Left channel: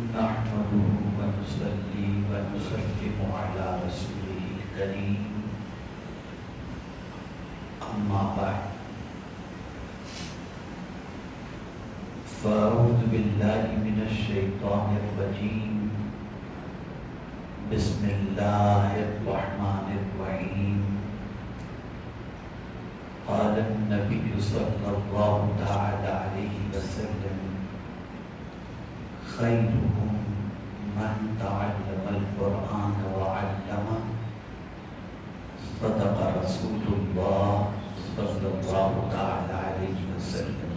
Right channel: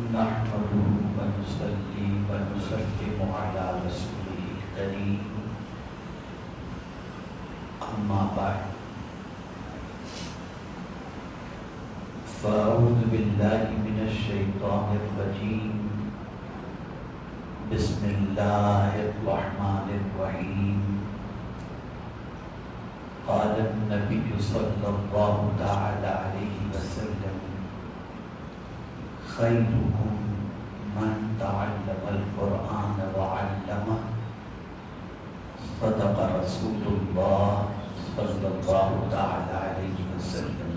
نحمده ونصلي ونسلم على رسوله الكريم أما بعد فأعوذ بالله من الشيطان الرجيم بسم الله الرحمن الرحيم قال النبي صلى الله تعالى عليه وسلم خيركم من تعلم القرآن وعلمه صدق رسول الله صلى الله تعالى عليه وسلم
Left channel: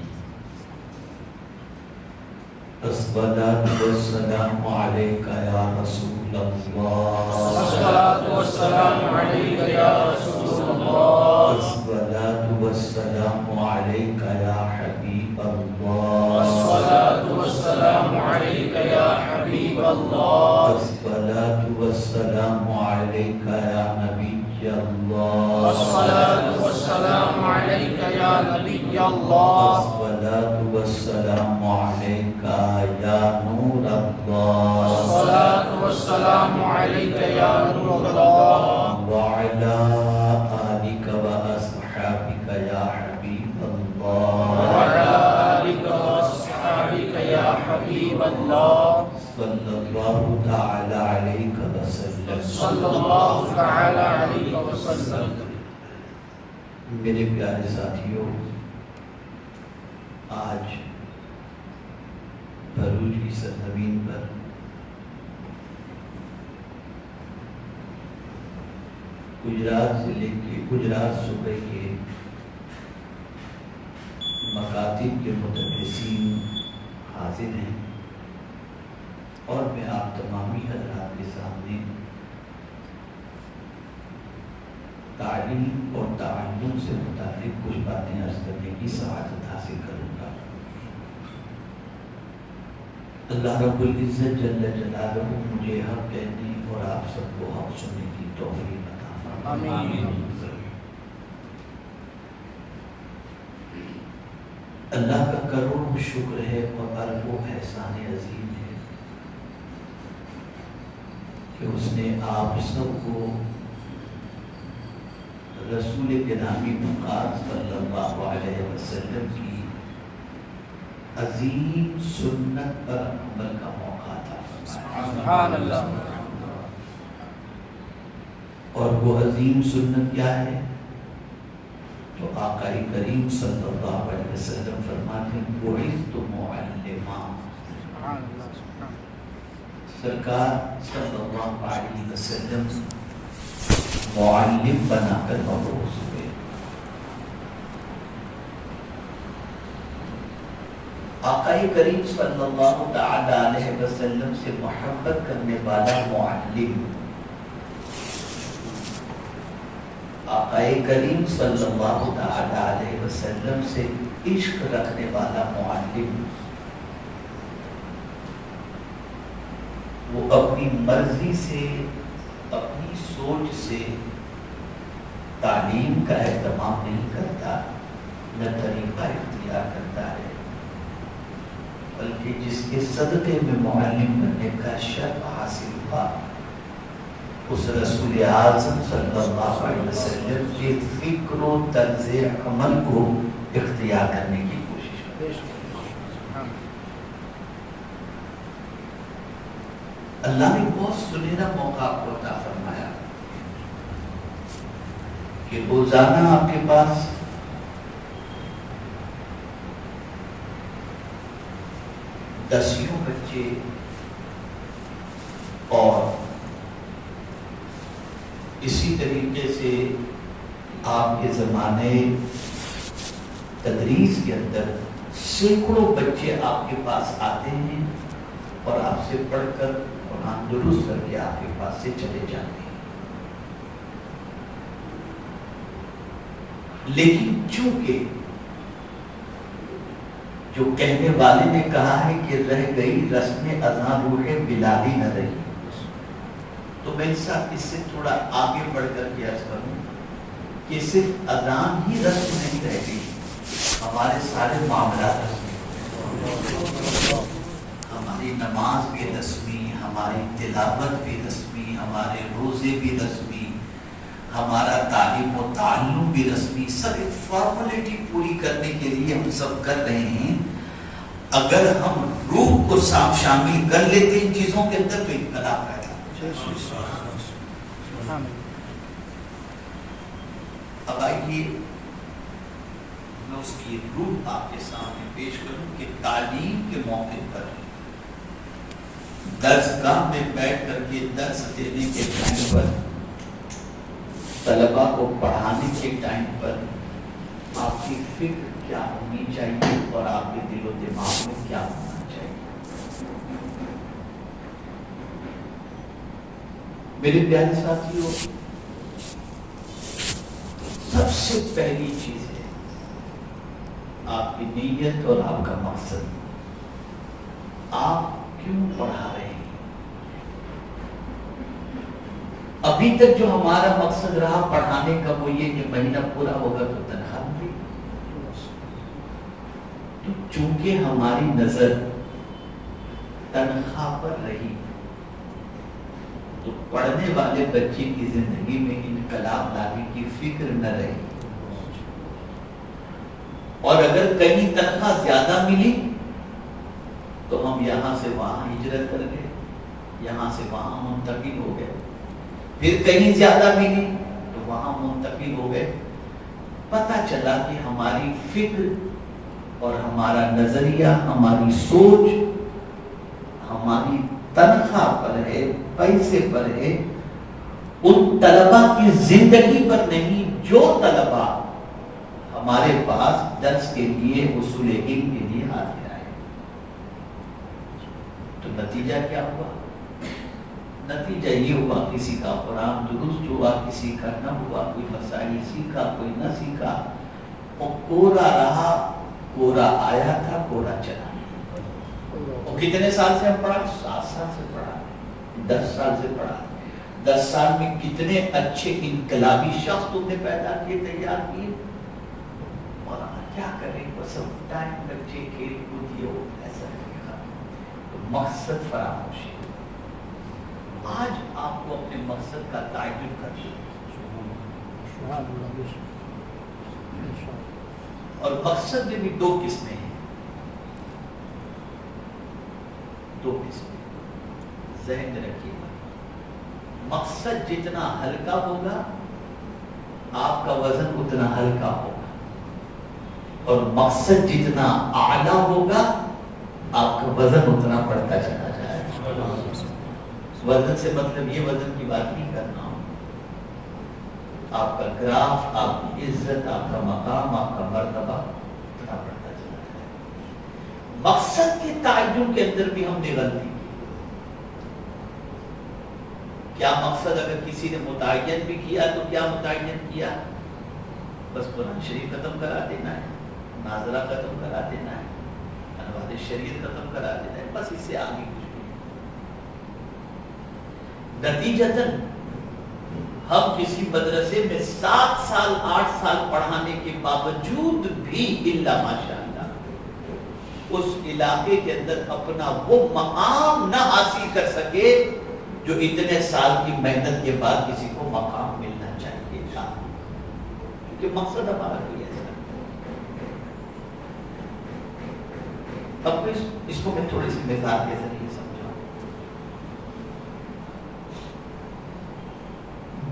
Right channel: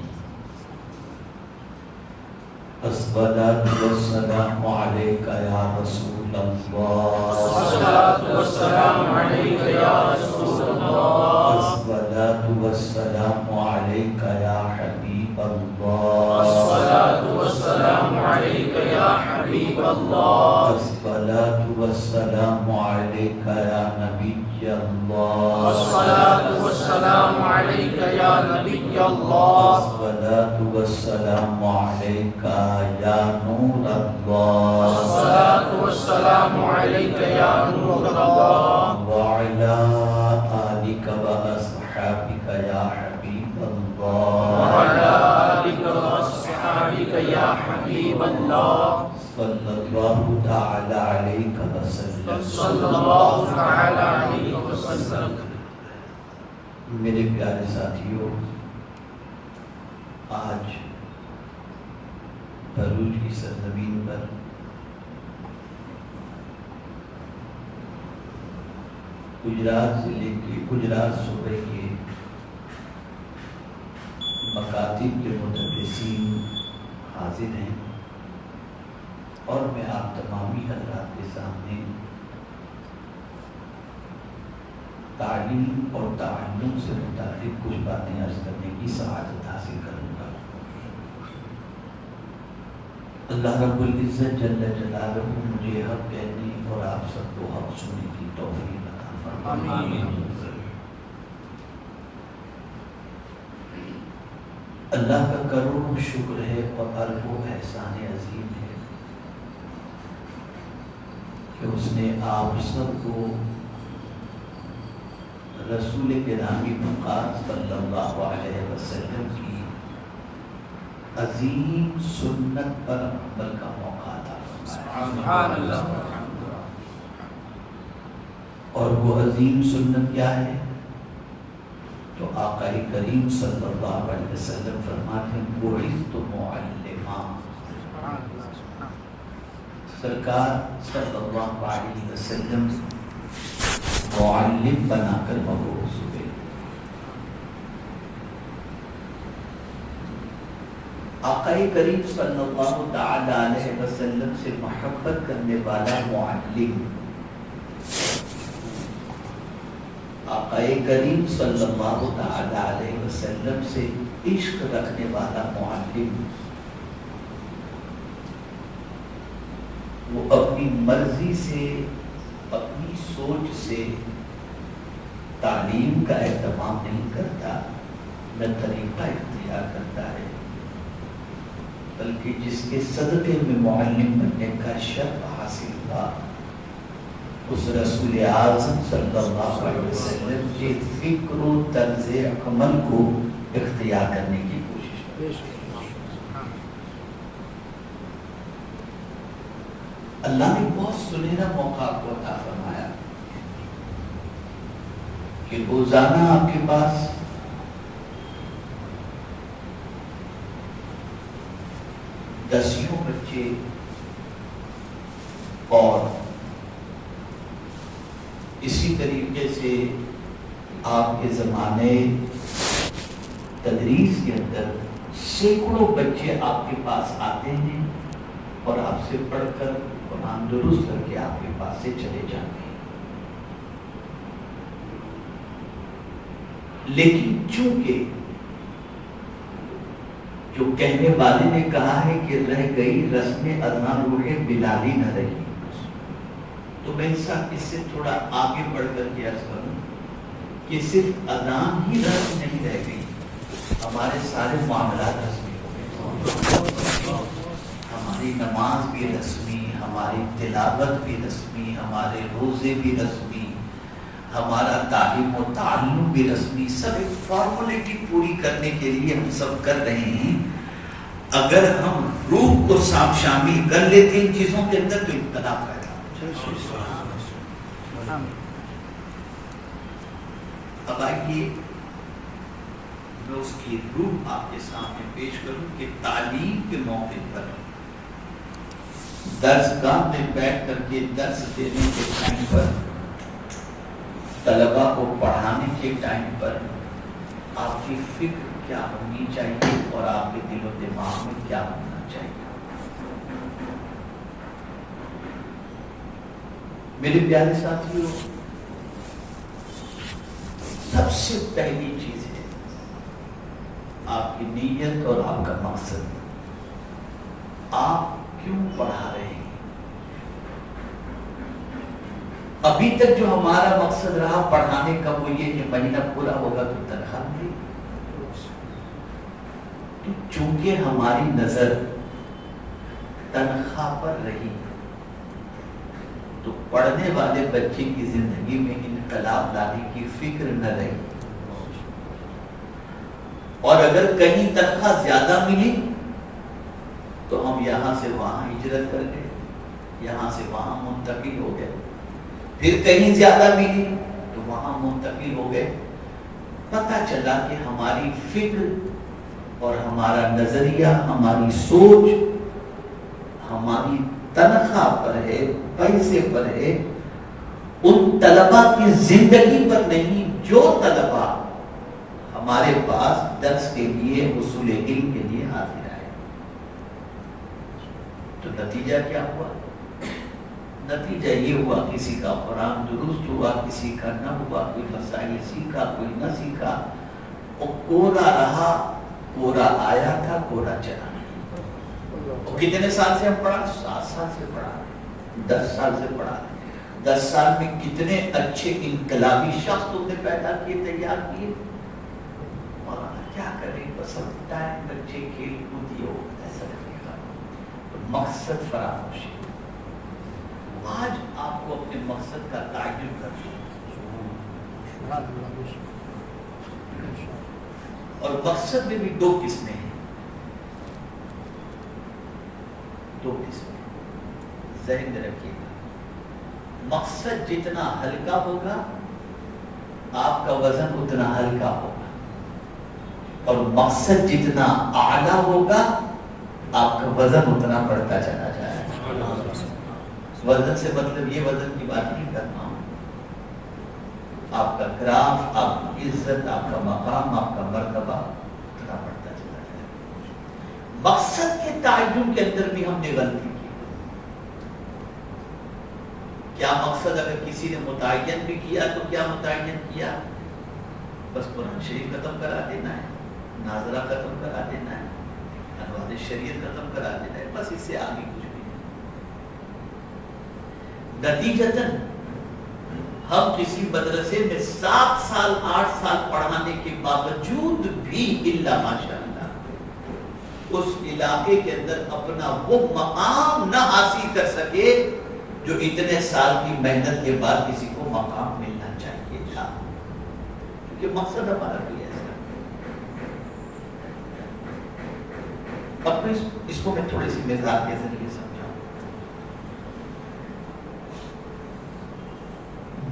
الصلاة والسلام عليك يا رسول الله الصلاة والسلام عليك يا رسول الله الصلاة والسلام عليك يا حبيب الله الصلاة والسلام عليك يا حبيب الله الصلاة والسلام عليك يا نبي الله الصلاة والسلام عليك يا نبي الله الصلاة والسلام عليك يا نور الله الصلاة والسلام عليك يا نور الله وعلى آلك وأصحابك يا حبيب الله وعلى آلك وأصحابك يا حبيب الله صلى الله تعالى عليك وسلم صلى الله تعالى عليه وسلم میرے پیارے ساتھیوں، آج بھروچ کی سرزمین پر گجرات ضلع کے گجرات صوبے کے مکاتب کے متدرسین حاضر ہیں اور میں آپ تمامی حضرات کے سامنے تعلیم اور تعلم سے متعلق کچھ باتیں عرض کرنے کی سعادت حاصل کروں گا۔ اللہ رب العزت جل جلالہ مجھے حق کہنے اور آپ سب کو حق سننے کی توفیق عطا فرمائے۔ آمین۔ اللہ کا کروڑوں شکر ہے اور اربوں احسان عظیم ہے کہ اس نے آپ سب کو رسول گرامی مقام صلی اللہ علیہ وسلم کی عظیم سنت پر عمل کا موقع تھا، سبحان اللہ۔ اور وہ عظیم سنت کیا ہے؟ تو آقا کریم صلی اللہ علیہ وسلم فرماتے ہیں بعثت معلما، سرکار صلی اللہ علیہ وسلم معلم بنا کر مبعوث ہوئے۔ آقا کریم صلی اللہ تعالی علیہ وسلم سے محبت کرنے والا معلم، آقا کریم صلی اللہ تعالی علیہ وسلم سے عشق رکھنے والا معلم، وہ اپنی مرضی سے اپنی سوچ سے تعلیم کا اہتمام نہیں کرتا، نہ طریقہ اختیار کرتا ہے، بلکہ جس کے صدقے میں معلم بننے کا شرف حاصل ہوا اس رسول اعظم صلی اللہ علیہ وسلم کے فکر و طرز عمل کو اختیار کرنے کی کوشش کرتا۔ اللہ نے بہت سنہرا موقع کو عطا فرمایا کہ روزانہ آپ کے پاس 10 بچے اور اسی طریقے سے آپ کے زمانے تدریس کے اندر سینکڑوں بچے آپ کے پاس آتے ہیں اور آپ سے پڑھ کر قرآن درست کر کے آپ کے پاس سے چلے جاتے ہیں، لیکن چونکہ جو کہنے والے نے کہا ہے کہ رہ گئی رسم اذان روح بلالی نہ رہی، تو میں اس سے تھوڑا آگے بڑھ کر کے عرض کروں کہ صرف اذان ہی رسم نہیں رہ گئی، ہمارے سارے معاملات رسمی ہو گئے، ہمارے ہماری نماز بھی رسمی، ہماری تلاوت بھی رسمی، ہمارے روزے بھی رسمی، ہمارا تعلیم و تعلم بھی رسمی، سب ایک فارمیلٹی پوری کرنے کے لیے ہم سب کر رہے ہیں. اگر ہم روح کو شامل کر لیتے ان چیزوں کے اندر تو انقلاب پیدا ہوگا. اب آئیے میں اس کی روح آپ کے سامنے پیش کروں کہ تعلیم کے موقع پر درس گاہ میں بیٹھ کر کے درس دینے کے ٹائم پر، طلباء کو پڑھانے کے ٹائم پر آپ کی فکر کیا ہونی چاہیے اور آپ کے دل و دماغ میں کیا ہونا چاہیے. میرے پیارے ساتھیوں، سب سے پہلی چیز ہے آپ کی نیت اور آپ کا مقصد. آپ کیوں پڑھا رہے ہیں؟ ابھی تک جو ہمارا مقصد رہا پڑھانے کا وہ یہ کہ مہینہ پورا ہوگا تو تنخواہ ملے. تو چونکہ ہماری نظر تنخواہ پر رہی تو پڑھنے والے بچے کی زندگی میں انقلاب لانے کی فکر نہ رہی. اور اگر کہیں تنخواہ زیادہ ملی تو ہم یہاں سے وہاں ہجرت کر گئے، یہاں سے وہاں منتقل ہو گئے. پھر کہیں زیادہ ملی تو وہاں منتقل ہو گئے. پتہ چلا کہ ہماری فکر اور ہمارا نظریہ، ہماری سوچ ہماری تنخواہ پر ہے، پیسے پر ہے، ان طلباء کی زندگی پر نہیں جو طلباء ہمارے پاس درس کے لیے، حصول علم کے لیے حاضر آئے. تو نتیجہ کیا ہوا؟ نتیجہ یہ ہوا کسی کا قرآن درست ہوا، کسی کا نہ ہوا، کوئی مسائل سیکھا، کوئی نہ سیکھا. وہ کورا رہا، کورا آیا تھا، کورا چلا. وہ کتنے سال سے ہم پڑھا؟ 7 سال سے پڑھا، 10 سال سے پڑھا. 10 سال میں کتنے اچھے انقلابی شخص تم نے پیدا کیے، تیار کیے. اور کیا کریں، بس اب ٹائم بچے کھیل کود یہ ہو ایسا نہیں رہا. تو مقصد فراموش ہے. آج آپ کو اپنے مقصد کا تعین کر دیا. اور مقصد میں بھی 2 قسمیں ہیں. 2 قسمیں ذہن میں رکھیے گا. مقصد جتنا ہلکا ہوگا آپ کا وزن اتنا ہلکا ہوگا، اور مقصد جتنا اعلیٰ ہوگا آپ کا وزن اتنا بڑھتا چلا جائے گا. وزن سے مطلب یہ وزن کی بات نہیں کرنا ہوں. آپ کا گراف، آپ کی عزت، آپ کا مقام، آپ کا مرتبہ اتنا بڑھتا چلا جائے گا. مقصد کے تعین کے اندر بھی ہم نے غلطی کی. کیا مقصد اگر کسی نے متعین بھی کیا تو کیا متعین کیا؟ بس قرآن شریف ختم کرا دینا ہے، ناظرہ ختم کرا دینا ہے، انوار شریعت ختم کرا دینا ہے، بس اس سے آگے کچھ بھی نہیں. نتیجتاً ہم کسی مدرسے میں 7 سال 8 سال پڑھانے کے باوجود بھی الا ماشاءاللہ اس علاقے کے اندر اپنا وہ مقام نہ حاصل کر سکے جو اتنے سال کی محنت کے بعد کسی کو مقام ملنا چاہیے تھا. کیونکہ مقصد ہمارا کوئی ایسا. اب اس کو میں تھوڑی سی مثال کے ذریعے سمجھاؤں.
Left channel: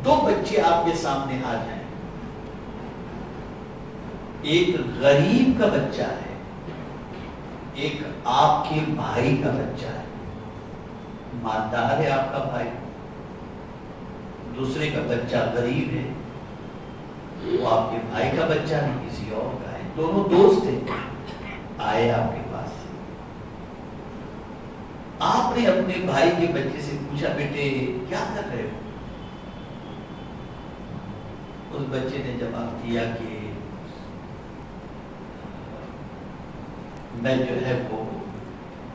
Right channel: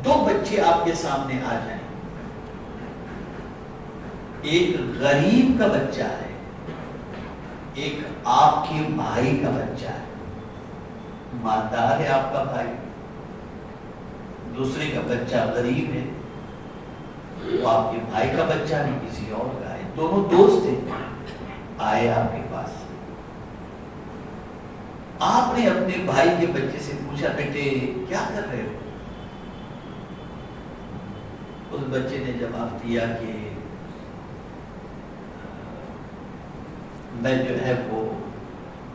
2 بچے آپ کے سامنے آ جائیں. ایک غریب کا بچہ ہے، ایک آپ کے بھائی کا بچہ ہے. مالدار ہے آپ کا بھائی، دوسرے کا بچہ غریب ہے. وہ آپ کے بھائی کا بچہ نہیں، کسی اور کا ہے. دونوں دوست ہیں، آئے آپ کے پاس. آپ نے اپنے بھائی کے بچے سے پوچھا بیٹے کیا کر رہے ہو؟ اس بچے نے جواب دیا کہ میں جو ہے وہ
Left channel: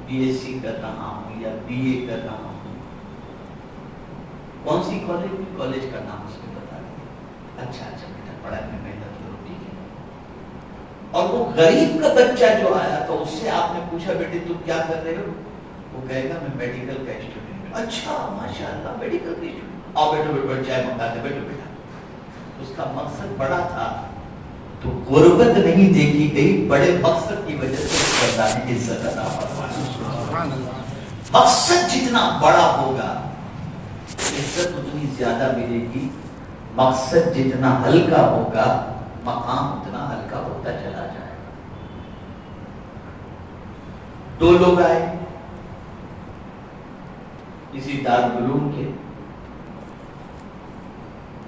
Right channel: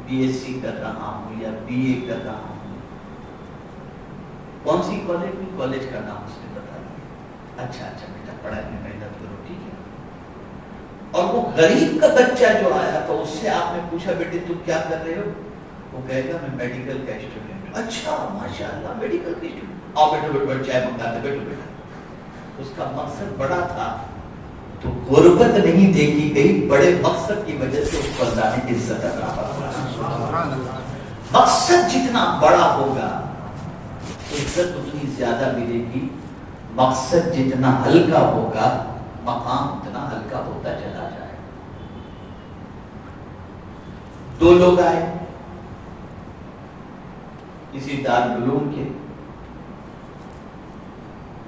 BSc کر رہا ہوں یا BA کر رہا ہوں. کون سی کالج میں؟ کالج کا نام اس نے بتا دیا. اچھا بیٹا پڑھائی میں محنت کرو، ٹھیک ہے. اور وہ غریب کا بچہ جو آیا تو اس سے آپ نے پوچھا بیٹے تم کیا کر رہے ہو؟ وہ کہے گا میں میڈیکل کا اسٹوڈنٹ ہوں. اچھا ماشاءاللہ میڈیکل کا اسٹوڈنٹ, آؤ بیٹھو بیٹھو, چائے منگاتے, بیٹھو بیٹھا. اس کا مقصد بڑا تھا, تو غربت نہیں دیکھی گئی, بڑے مقصد کی وجہ سے اس پر اللہ نے عزت عطا فرمائی. مقصد جتنا بڑا ہوگا عزت اتنی زیادہ ملے گی, مقصد جتنا ہلکا ہوگا مقام اتنا ہلکا ہوتا چلا جائے گا. دو لوگ آئے کسی دارالعلوم کے,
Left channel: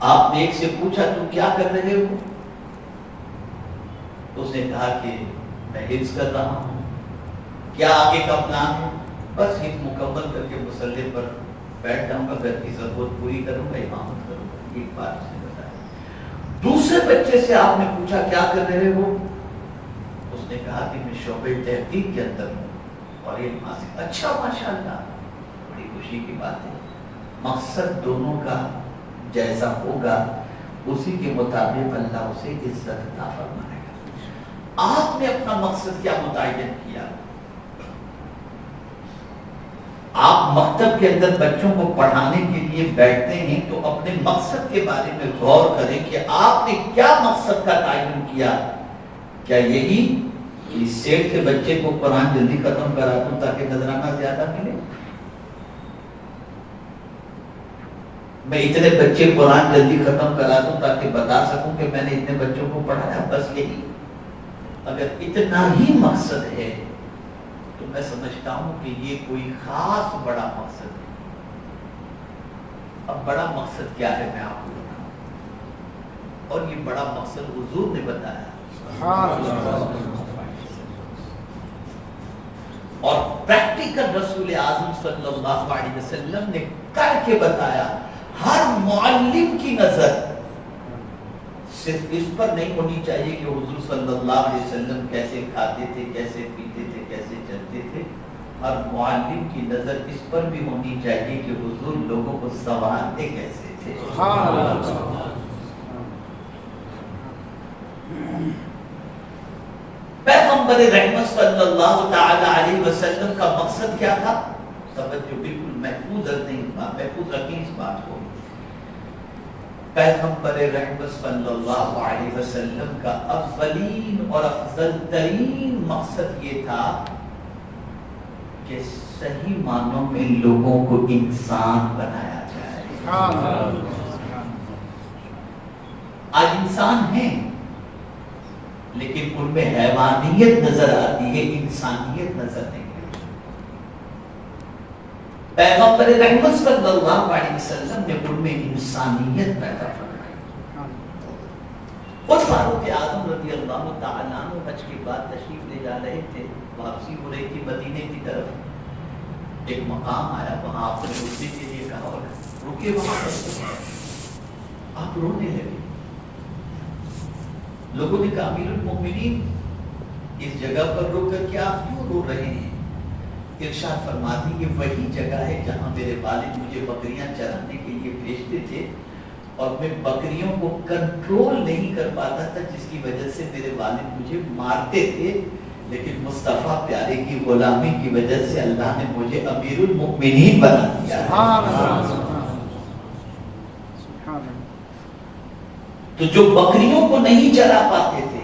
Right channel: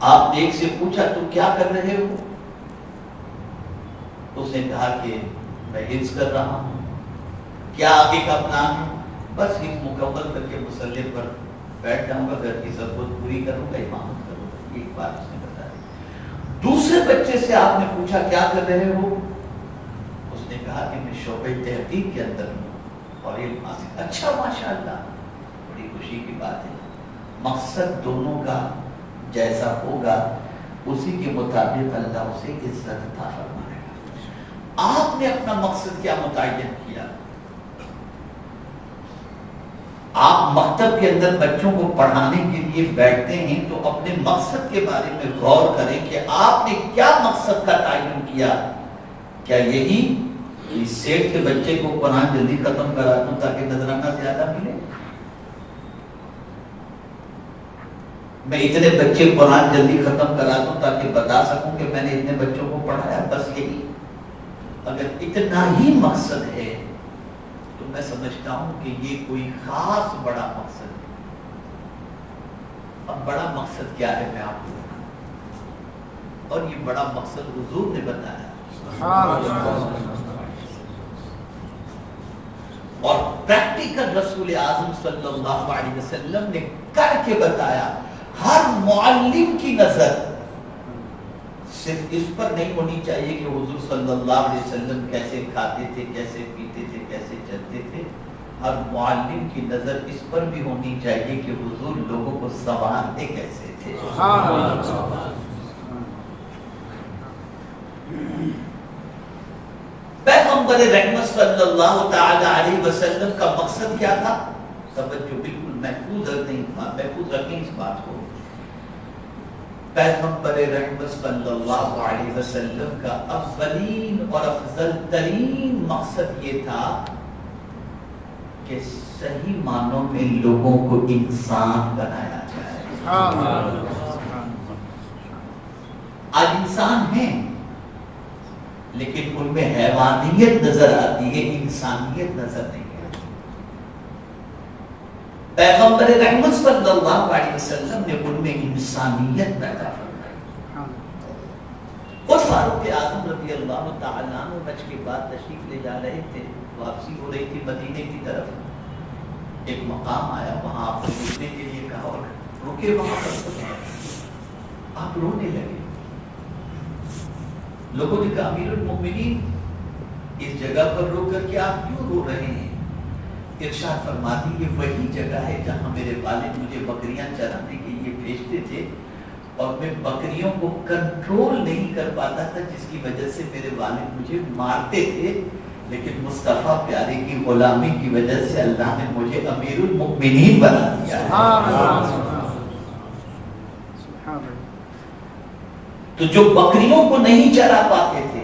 آپ نے ایک سے پوچھا تم کیا کر رہے ہو؟ اس نے کہا کہ میں حفظ کر رہا ہوں. کیا آگے کا پلان ہے؟ بس حفظ مکمل کر کے مصلی پر بیٹھ جاؤں گا, گھر کی ضرورت پوری کروں گا, امامت کروں گا. ایک بات اس نے بتائی. دوسرے بچے سے آپ نے پوچھا کیا کر رہے ہو؟ اس نے کہا کہ میں شعبہ تحقیق کے اندر ہوں اور علم حاصل. اچھا ماشاءاللہ, بڑی خوشی کی بات ہے. مقصد دونوں کا جیسا ہوگا اسی کے مطابق اللہ اسے عزت عطا فرمائے گا. آپ نے اپنا مقصد کیا متعین کیا؟ آپ مکتب کے اندر بچوں کو پڑھانے کے لیے بیٹھتے ہیں تو اپنے مقصد کے بارے میں غور کریں کہ آپ نے کیا مقصد کا تعین کیا. کیا یہی کہ سیٹ کے بچے کو قرآن جلدی ختم کرا دوں تاکہ نذرانہ زیادہ ملے؟ میں اتنے بچے قرآن جلدی ختم کرا دوں تاکہ بتا سکوں کہ میں نے اتنے بچوں کو پڑھایا, بس یہی؟ اگر اتنا ہی مقصد ہے تو میں سمجھتا ہوں کہ یہ کوئی خاص بڑا مقصد ہے. اب بڑا مقصد کیا ہے میں آپ کو بتاؤں, اور یہ بڑا مقصد حضور نے بتایا اور پریکٹیکل رسول اعظم صلی اللہ علیہ وسلم نے کر کے بتایا. ہر معلم کی نظر صرف اس پر نہیں ہونی چاہیے کہ حضور صلی اللہ علیہ وسلم کیسے کھاتے تھے, کیسے پیتے تھے, کیسے چلتے تھے. ہر معلم کی نظر اس پر بھی ہونی چاہیے کہ حضور لوگوں کو سنبھالتے کیسے تھے. پیغمبر رحمت صلی اللہ تعالی علیہ وسلم کا مقصد کیا تھا؟ توجہ بالکل محفوظ رکھیں اس بات کو. پیغمبر رحمت صلی اللہ علیہ وسلم کا اولین اور افضل ترین مقصد یہ تھا کہ صحیح معنوں میں لوگوں کو انسان بنایا جائے. آج انسان ہیں لیکن ان میں حیوانیت نظر آتی ہے, انسانیت نظر نہیں آتی. پیغمبر رحمت صلی اللہ علیہ وسلم نے ان میں انسانیت پیدا فرمائی. خود فاروق اعظم رضی اللہ تعالیٰ عنہ حج کے بعد تشریف لے جا رہے تھے, واپسی ہو رہی تھی مدینے کی طرف. ایک مقام آیا, وہاں آپ نے رکنے کے لیے کہا اور رکے وہاں پر. آپ رونے لگے. لوگوں نے کہا امیر المومنین اس جگہ پر رک کر کے آپ کیوں رو رہے ہیں؟ ارشاد فرماتی یہ وہی جگہ ہے جہاں میرے والد مجھے بکریاں چرانے کے لیے بھیجتے تھے اور میں بکریوں کو کنٹرول نہیں کر پاتا تھا, جس کی وجہ سے میرے والد مجھے مارتے تھے. لیکن مصطفیٰ پیارے کی غلامی کی وجہ سے اللہ نے مجھے امیر المؤمنین بنا دیا. تو جو بکریوں کو نہیں چرا پاتے تھے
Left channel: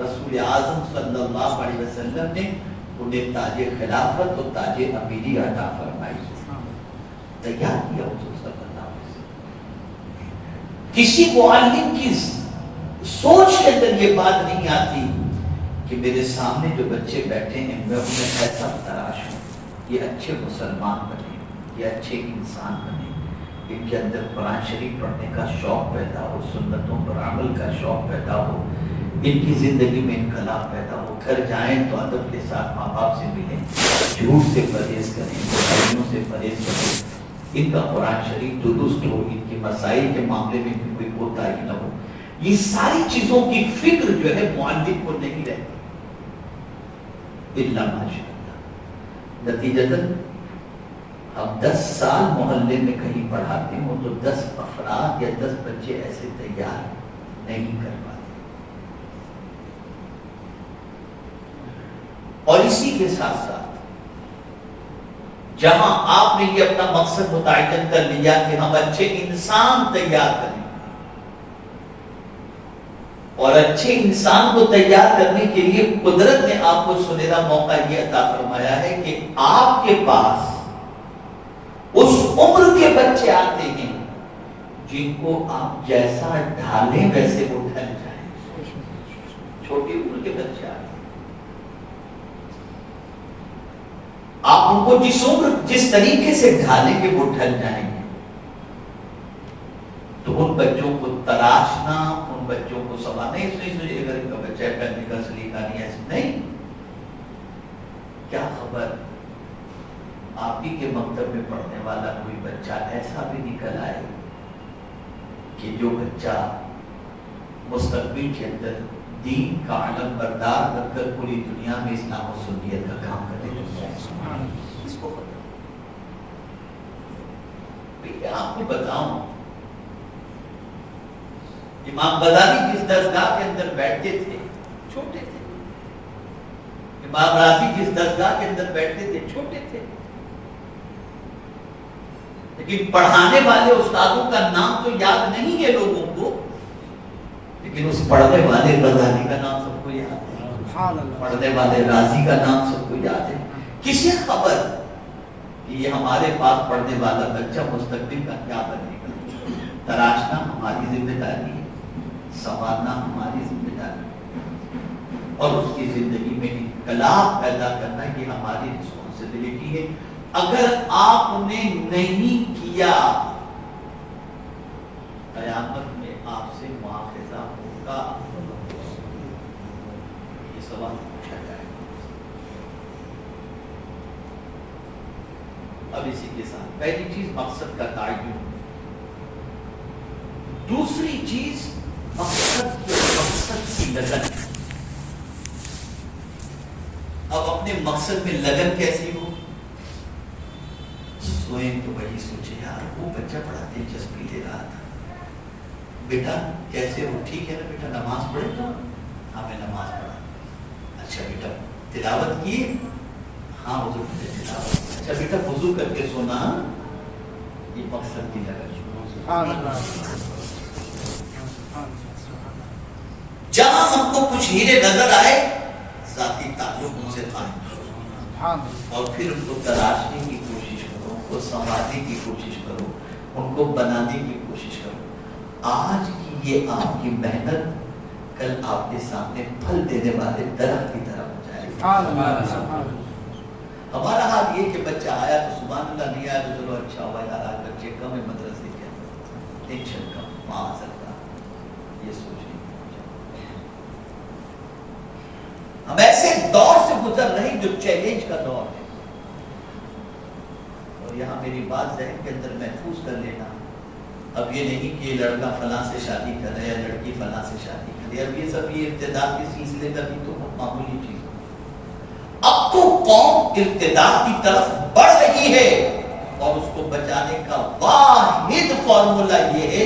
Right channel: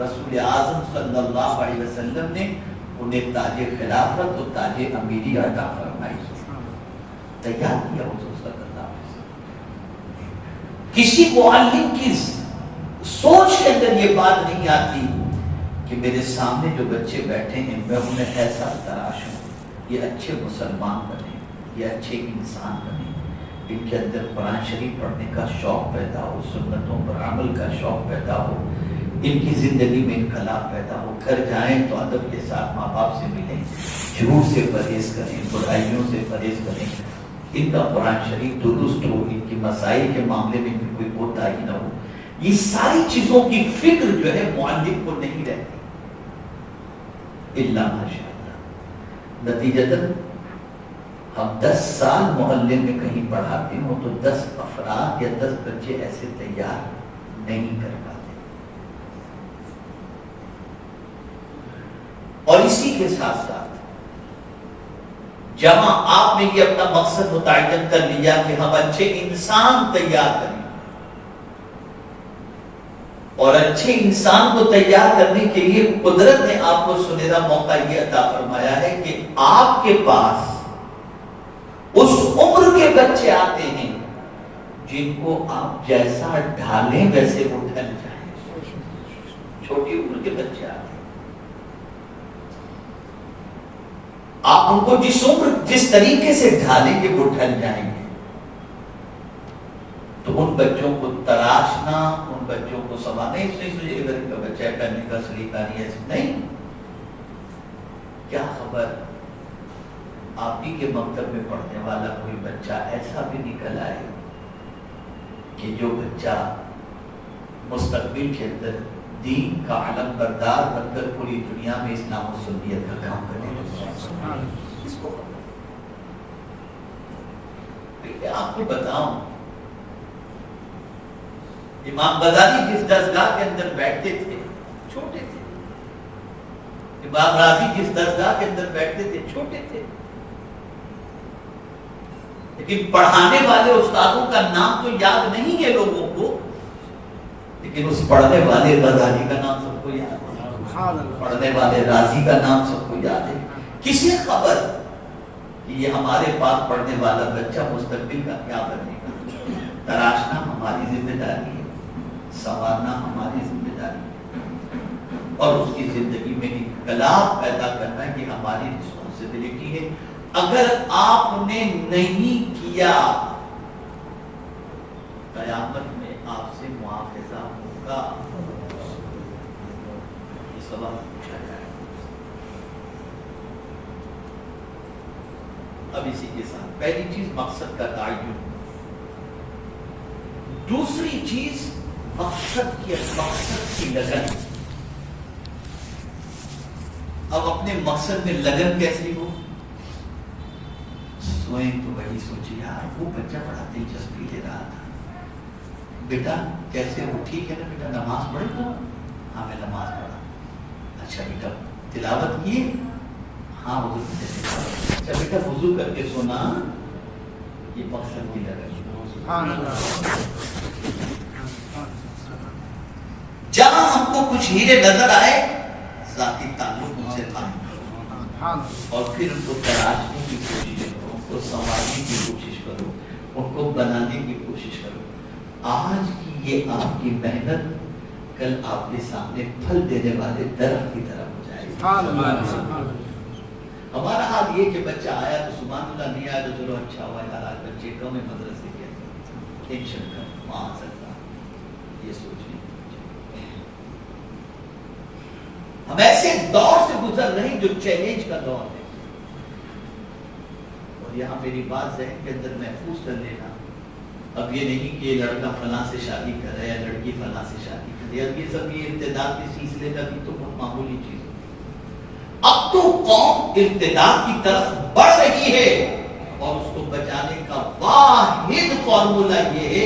رسول اعظم صلی اللہ علیہ وسلم نے انہیں تاج خلافت اور تاج امیری عطا فرمائی. تیار کیا حضور صلی اللہ علیہ وسلم. کسی معلم کی سوچ کے اندر یہ بات نہیں آتی کہ میرے سامنے جو بچے بیٹھے ہیں میں انہیں ایسا تراشوں, یہ اچھے مسلمان بنے, یہ اچھے انسان بنے, ان کے اندر قرآن شریف پڑھنے کا شوق پیدا ہو, سنتوں پر عمل کا شوق پیدا ہو, ان کی زندگی میں انقلاب پیدا ہو. گھر جائیں تو ادب کے ساتھ ماں باپ سے ملیں, جھوٹ سے پرہیز کریں, برائیوں سے پرہیز کریں, ان کا قرآن شریف درست ہو, ان کی مسائل کے معاملے میں بھی کوئی کوتاہی نہ ہو. یہ ساری چیزوں کی فکر جو ہے معلم کو نہیں رہتی الا ماشاءاللہ. نتیجتاً ہم 10 سال محلے میں کہیں پڑھاتے ہوں تو 10 افراد یا 10 بچے ایسے تیار نہیں کر پاتے. اور اسی کے ساتھ ساتھ جہاں آپ نے یہ اپنا مقصد متعین کر لیا کہ ہم اچھے انسان تیار کریں، اور اچھے انسان کو تیار کرنے کے لیے قدرت نے آپ کو سنہرا موقع یہ عطا فرمایا ہے کہ آپ کے پاس اس عمر کے بچے آتے ہیں جن کو آپ جیسا ڈھالیں ویسے وہ ڈھل جائیں. چھوٹی عمر کے بچے آتے ہیں، آپ ان کو جس طریقے سے ڈھالیں گے وہ ڈھل جائیں گے. تو ان بچوں کو تراشنا، ان بچوں کو سنبھالنا، نہیں سوچے اگر ان کا بچہ ہے پہننے کا سلیقہ نہیں ہے، نہیں، کیا خبر آپ ہی کے مکتب میں پڑھنے والا کوئی بچہ ایسا بھی نکل آئے کہ جو بچہ مستقبل کے اندر دین کا علم بردار بن کر پوری دنیا میں اسلام و سنیت کا کام کرنے لگ جائے. اس کو خبر آپ کو بتاؤں، امام غزالی جس درسگاہ کے اندر بیٹھتے تھے چھوٹے تھے، امام راضی جس درسگاہ کے اندر بیٹھتے تھے چھوٹے تھے، لیکن پڑھانے والے استادوں کا نام تو یاد نہیں ہے لوگوں کو، لیکن اس پڑھنے والے غزالی کا نام سب کو یاد ہے، پڑھنے والے راضی کا نام سب کو یاد ہے. کسی خبر کہ یہ ہمارے پاس پڑھنے والا بچہ مستقبل کا کیا بنے گا. تراشنا ہماری ذمہ داری ہے، سنوارنا ہماری ذمہ داری ہے، اور اس کی زندگی میں انقلاب پیدا کرنا یہ ہماری رسپانسبلٹی ہے. اگر آپ نے نہیں کیا قیامت میں آپ سے مواخذہ ہوگا. یہ سوال پوچھا جائے. اب اسی کے ساتھ پہلی چیز مقصد کا تعین، دوسری چیز مقصد کی لگن. اب اپنے مقصد میں لگن کیسی ہو؟ سوئیں تو بڑی سوچے یار وہ بچہ بڑا دلچسپی لے رہا تھا، بیٹا کیسے ہو؟ ٹھیک ہے نا بیٹا، نماز پڑھے تو؟ ہاں میں نماز پڑھا. اچھا بیٹا تلاوت کی؟ ہاں وضو کر کے تلاوت. اچھا بیٹا وضو کر کے سونا. یہ مقصد کی لگن. جہاں ہم کو کچھ ہیرے نظر آئے ذاتی تعلق ان سے قائم، اور پھر ان کو تراشنے کی کوشش کرو، ان کو سنوارنے کی کوشش کرو، ان کو بنانے کی کوشش کرو. آج کی یہ آپ کی محنت کل آپ کے سامنے پھل دینے والے درخت کی طرح ہو جائے گی. ہمارا حال یہ کہ بچہ آیا تو سبحان اللہ، نہیں آیا تو چلو اچھا ہوا یار آج بچے کم ہے مدرسے کے اندر، ٹینشن کم، وہاں آ سکتا. یہ سوچ نہیں. ہم ایسے دور سے گزر رہے ہیں جو چیلنج کا دور ہے، اور یہاں میری بات ذہن کے اندر محفوظ کر لینا. اب یہ نہیں کہ یہ لڑکا فلاں سے شادی کر رہا ہے یا لڑکی فلاں سے شادی کر رہی ہے. اب یہ سب یہ ارتداد کے سلسلے کا بھی تو معمولی چیز ہے. اب تو قوم ارتداد کی طرف بڑھ رہی ہے، اور اس کو بچانے کا واحد فارمولا یہ ہے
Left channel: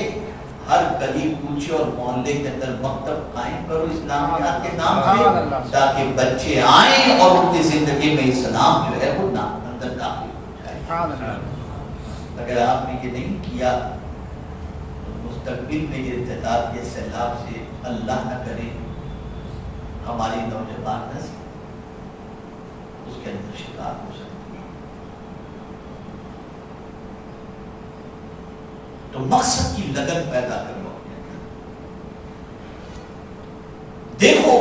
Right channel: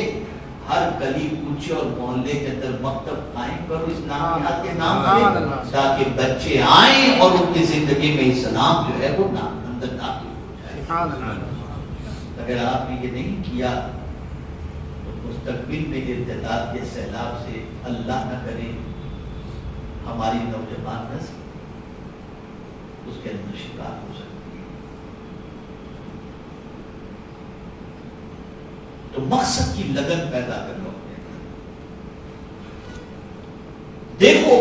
ہر گلی کوچے اور محلے کے اندر مکتب قائم کرو اسلامیات کے نام سے، تاکہ بچے آئیں اور ان کی زندگی میں اسلام جو ہے وہ اندر داخل ہو جائے. اگر آپ نے یہ نہیں کیا تو مستقبل میں یہ ارتداد کے سیلاب سے اللہ نہ کرے ہماری نوجوان نسل اس کے اندر شکار ہو سکتی ہے. تو مقصد کی لگن پیدا کر لو. دیکھو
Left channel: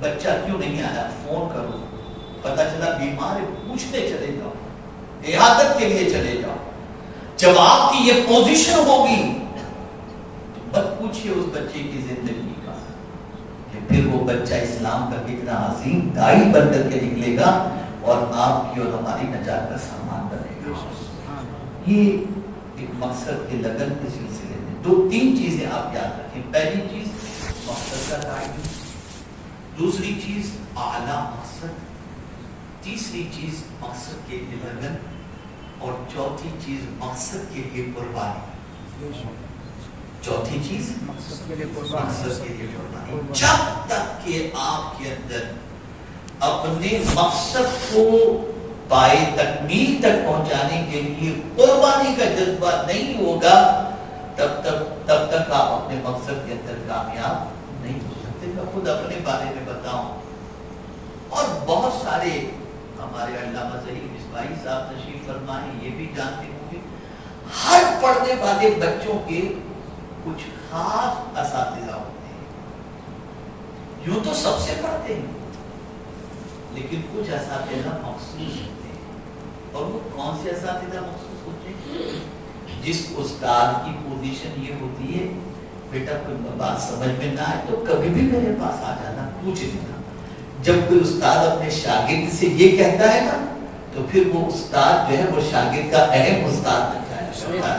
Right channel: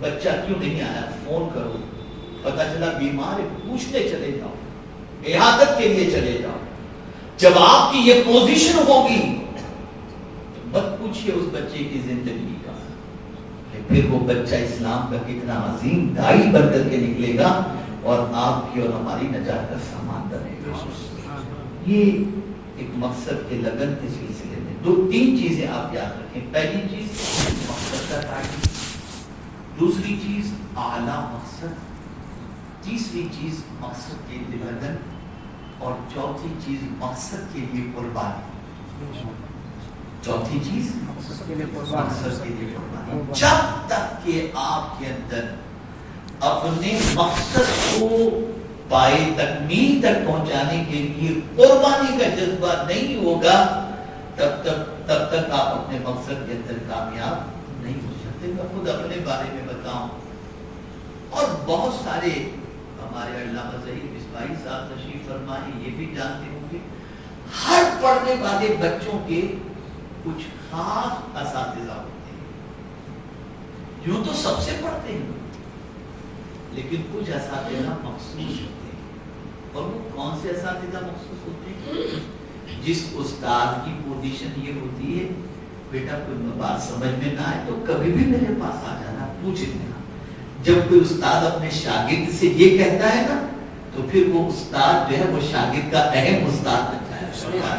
بچہ کیوں نہیں آیا، فون کرو، پتا چلا بیمار ہے پوچھنے چلے جاؤ، عیادت کے لیے چلے جاؤ. جب آپ کی یہ پوزیشن ہوگی تو مت پوچھئے اس بچے کی زندگی کا کہ پھر وہ بچہ اسلام کا کتنا عظیم داعی بن کر کے نکلے گا اور آپ کی اور ہماری نجات کا سامان بنے گا. یہ ایک مقصد کے لگن کے سلسلے میں دو تین چیزیں آپ یاد رکھیں. پہلی چیز مقصد کا تعین، دوسری چیز اعلیٰ مقصد، تیسری چیز مقصد کے لیے لگن، اور چوتھی چیز مقصد کے لیے قربانی. چوتھی چیز مقصد کے لیے قربانی. جب تک کہ آپ کے اندر اپنے مقصد کو پائے تکمیل تک پہنچانے کے لیے قربانی کا جذبہ نہیں ہوگا، تب تک آپ اپنے مقصد کے اندر کامیاب نہیں ہو سکتے۔ میں خود اپنے بارے میں بتاؤں، اور بہت سارے ہمارے علامہ ظہیر مصباحی صاحب تشریف فرمائے، یہ بھی جانتے ہوں گے، ہر پڑھنے والے بچوں کے کچھ خاص اساتذہ ہوتے ہیں۔ یوں تو سب سے پڑھتے ہیں، لیکن کچھ اساتذہ مخصوص ہوتے ہیں۔ اور وہ کون سے اساتذہ مخصوص ہوتے ہیں؟ جس استاد کی پوزیشن یہ ہوتی ہے، بیٹا کوئی بات سمجھ میں نہ آئے تو کبھی بھی میرے پاس آ جانا، پوچھ لینا۔ جب کوئی استاد اپنے شاگرد سے یہ کہتا ہے نا، تو پھر وہ استاد جو ہے وہ شاگرد کا اہم استاد بن جائے گا۔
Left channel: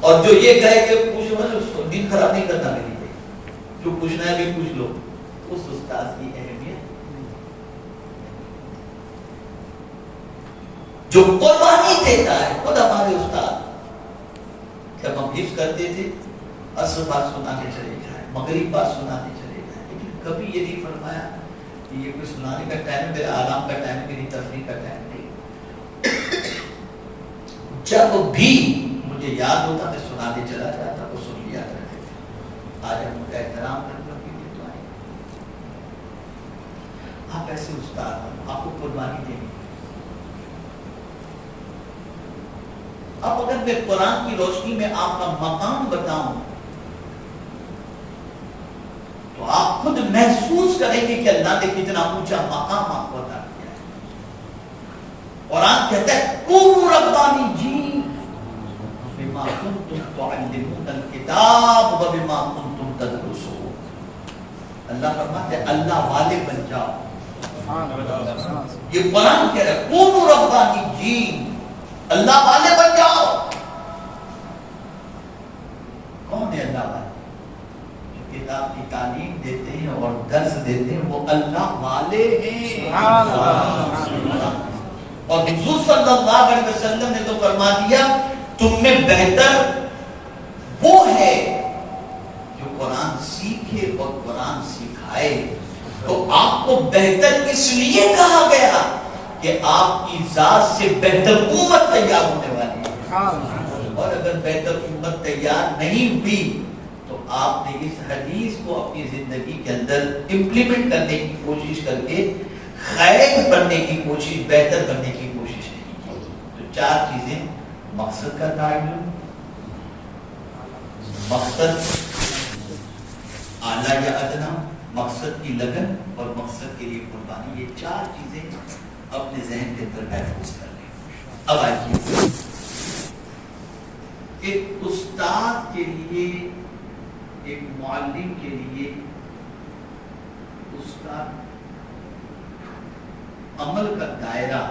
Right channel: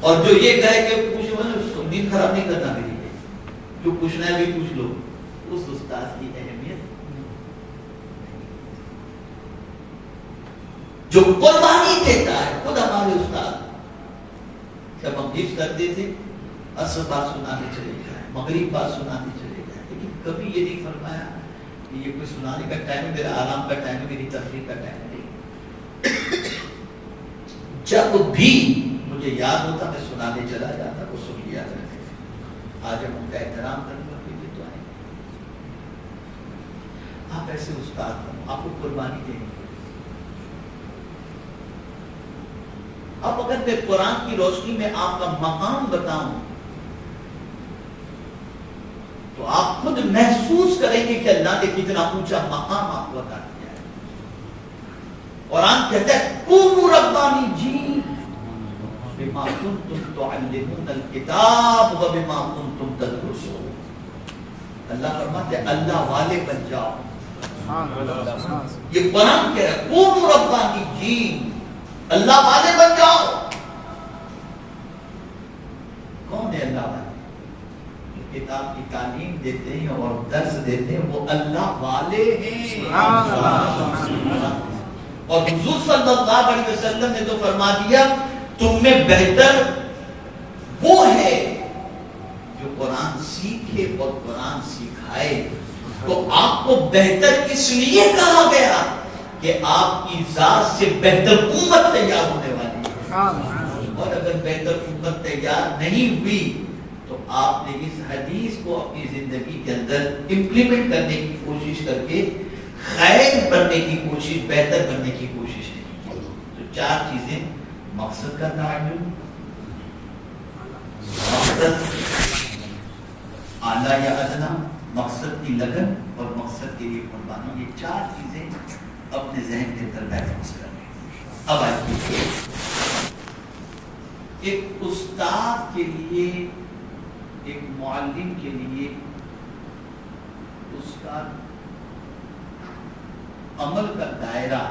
اور جو یہ کہے کہ پوچھو، دن خراب نہیں کرنا میری ہے، جو پوچھنا ہے بھی پوچھ لو، اس استاد کی اہمیت جو قربانی دیتا ہے۔ خود ہمارے استاد جب ہم حفظ کرتے تھے، عصر بات سنانے چلے جائیں، مغرب بات سنانے چلے جائیں، لیکن کبھی یہ نہیں فرمایا کہ یہ کوئی سنانے کا ٹائم، میرا آرام کا ٹائم، میری تفریح کا ٹائم نہیں۔ جب بھی مجھے یاد ہوتا میں سنانے چلا جاتا، وہ سن لیا کرتے تھے۔ آج ہم ان کا احترام کرنے کے لیے تو آئے۔ آپ ایسے استاد، آپ کو قربانی دیں گے۔ اب اگر میں قرآن کی روشنی میں آپ کا مقام بتاؤں تو آپ خود محسوس کریں گے کہ اللہ نے کتنا اونچا مقام آپ کو عطا کیا ہے۔ قرآن کہتا ہے کونوا ربانیین بما کنتم تعلمون الکتاب وبما کنتم تدرسون۔ اللہ فرماتے ہیں اللہ والے بن جاؤ۔ یہ قرآن کہہ رہا ہے کونوا ربانیین، اللہ والے بن جاؤ۔ کون ہے اللہ والے؟ جو کتاب کی تعلیم دیتے ہیں اور درس دیتے ہیں، وہ اللہ والے ہیں۔ اور حضور صلی اللہ علیہ وسلم نے تو فرما دیا تم میں بہتر وہ ہے جو قرآن سیکھے اور قرآن سکھائے۔ تو آپ کو بہتر اس لیے کہا گیا کہ آپ کی ذات سے بہتر امت تیار ہونے والی ہے۔ اور اگر بہتر امت تیار نہیں ہوئی تو آپ نے اس حدیث کو اپنی زندگی کے اندر امپلیمنٹ کرنے کی کوشش کر کے خیر بننے کی کوشش، بہتر بننے کی کوشش نہیں کی۔ تو چار چیزیں: مقصد کا تعین، مقصد اعلیٰ یا ادنا، مقصد کی لگن اور مقصد کے لیے قربانی، یہ چار چیزیں اپنے ذہن کے اندر محفوظ کر لیں۔ اب آئیے، ایک استاد کے لیے، ایک معلم کے لیے اس کا عمل کا دائرہ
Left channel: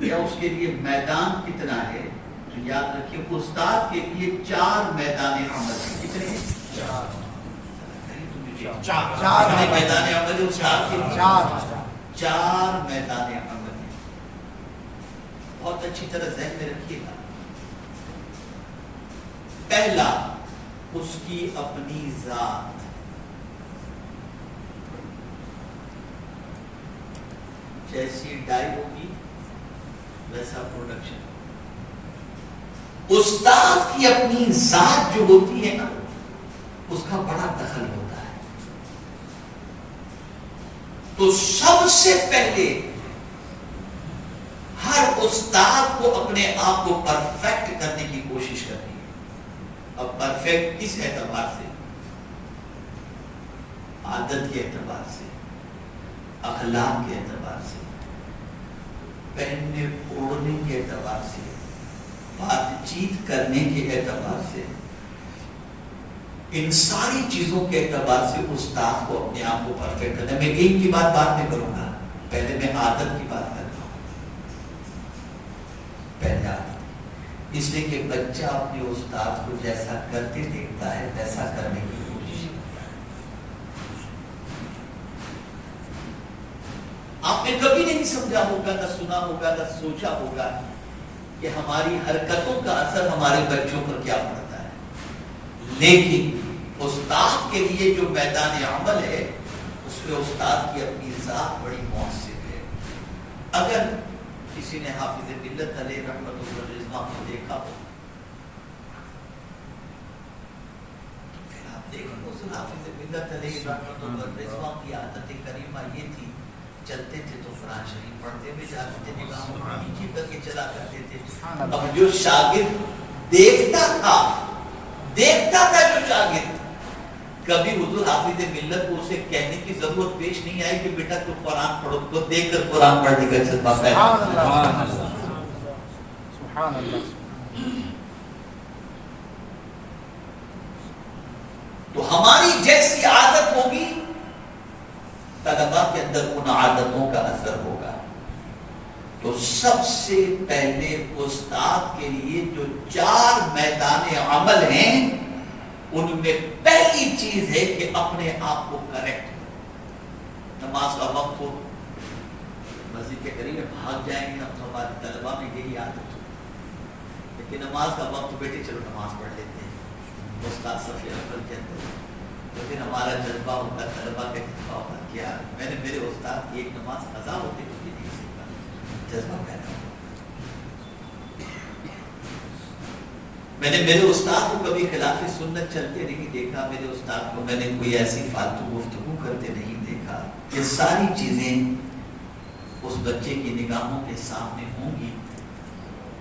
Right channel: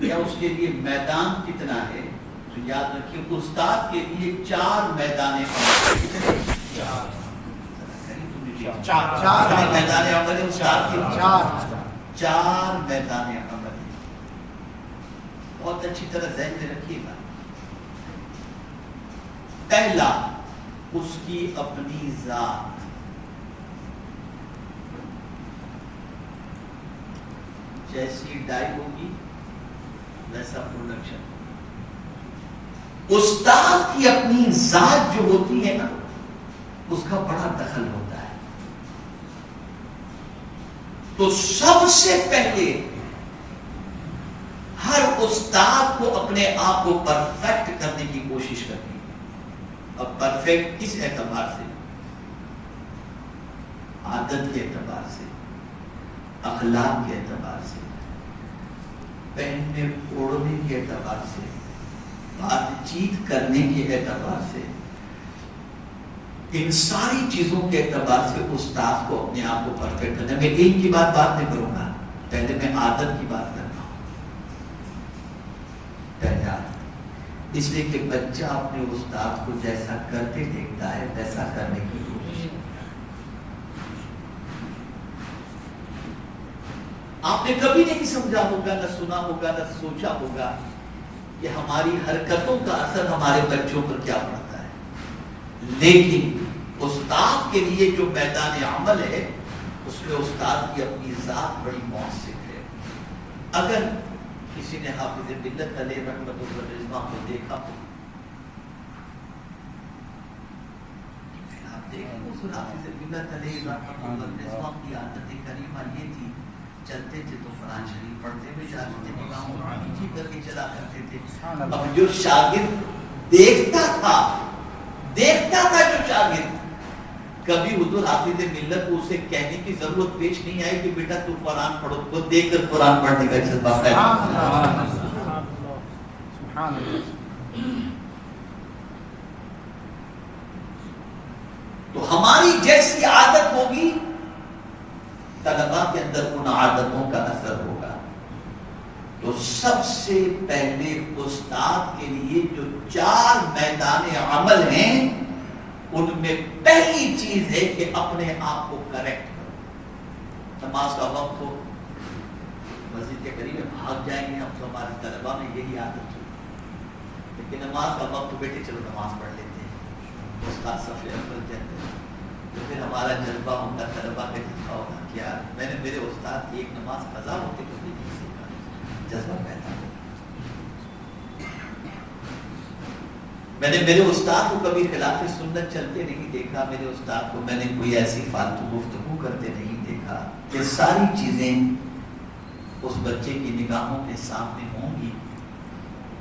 یا اس کے لیے میدان کتنا ہے؟ تو یاد رکھیے استاد کے لیے 4 میدان عمل۔ کتنے؟ 4 میدان عمل ہے استاد کے لیے۔ 4 میدان عمل ہے۔ بہت اچھی طرح ذہن میں رکھیے گا۔ پہلا، اس کی اپنی ذات۔ جیسی ڈائی ہوگی ویسا پروڈکشن۔ استاد کی اپنی ذات جو ہوتی ہے نا، اس کا بڑا دخل ہوتا ہے۔ تو سب سے پہلے ہر استاد کو اپنے آپ کو پرفیکٹ کرنے کی کوشش کرنی ہے۔ اب پرفیکٹ کس اعتبار سے؟ عادت کے اعتبار سے، اخلاق کے اعتبار سے، پہننے اوڑھنے کے اعتبار سے، بات چیت کرنے کے اعتبار سے، ان ساری چیزوں کے اعتبار سے استاد کو اپنے آپ کو پرفیکٹ کرنا ہے۔ میں ایک کی بات بعد میں کروں گا، پہلے میں عادت کی بات کر رہا ہوں۔ پہلے عادت، اس لیے کہ بچہ اپنے استاد کو جیسا کرتے دیکھتا ہے ویسا کرنے کی کوشش کرتا ہے۔ آپ نے کبھی نہیں سمجھا ہوگا، نہ سنا ہوگا، نہ سوچا ہوگا کہ ہماری حرکتوں کا اثر ہمارے بچوں پر کیا پڑتا ہے، لیکن استاد کے لیے جو میدان عمل ہے اس میں استاد کی اپنی ذات بڑی مؤثر ہے۔ اگر کسی نے حافظ ملت علیہ رحمۃ اللہ کو دیکھا ہو پھر آپ دیکھیں حضور حافظ ملت علیہ رحمۃ اللہ کی عادت کریمہ یہ تھی، چلتے تھے تو قرآن شریف پڑھتے ہوئے جاتے تھے، نگاہوں کو نیچے کر کے چلا کرتے تھے۔ اب جو شاگرد دیکھتا تھا جو شاگرد، کبھی حضور حافظ ملت کو اسے کہنے کی ضرورت پیش نہیں آئی کہ بیٹا تو قرآن پڑھو، تو دیکھ کر قرآن پڑھنے کا جذبہ پیدا۔ تو ہماری جیسی عادت ہوگی طلباء کے اندر ان عادتوں کا اثر ہوگا۔ تو سب سے پہلے استاد کے لیے جو 4 میدان عمل ہیں ان میں پہلی چیز ہے کہ اپنے آپ کو کریکٹ کرو۔ نماز کا وقت ہو، مسجد کے قریب بھاگ جائیں گے ہم، تو ہمارے طلباء میں یہی عادت ہو، لیکن نماز کا وقت بیٹے چلو نماز پڑھ لیتے ہیں، استاد صف اول کے اندر، تو پھر ہمارا جذبہ ہوگا، طلباء کا جذبہ ہوگا کیا میں نے میرے استاد کی ایک نماز قضا ہوتی کچھ بھی نہیں سیکھا، جذبہ پیدا ہو۔ میں نے میرے استاد کو کبھی خلاف سنت چلتے نہیں دیکھا، میرے استاد کو میں نے کوئی ایسی فالتو گفتگو کرتے نہیں دیکھا۔ یہ ساری چیزیں اس بچے کی نگاہوں کے سامنے ہوں گی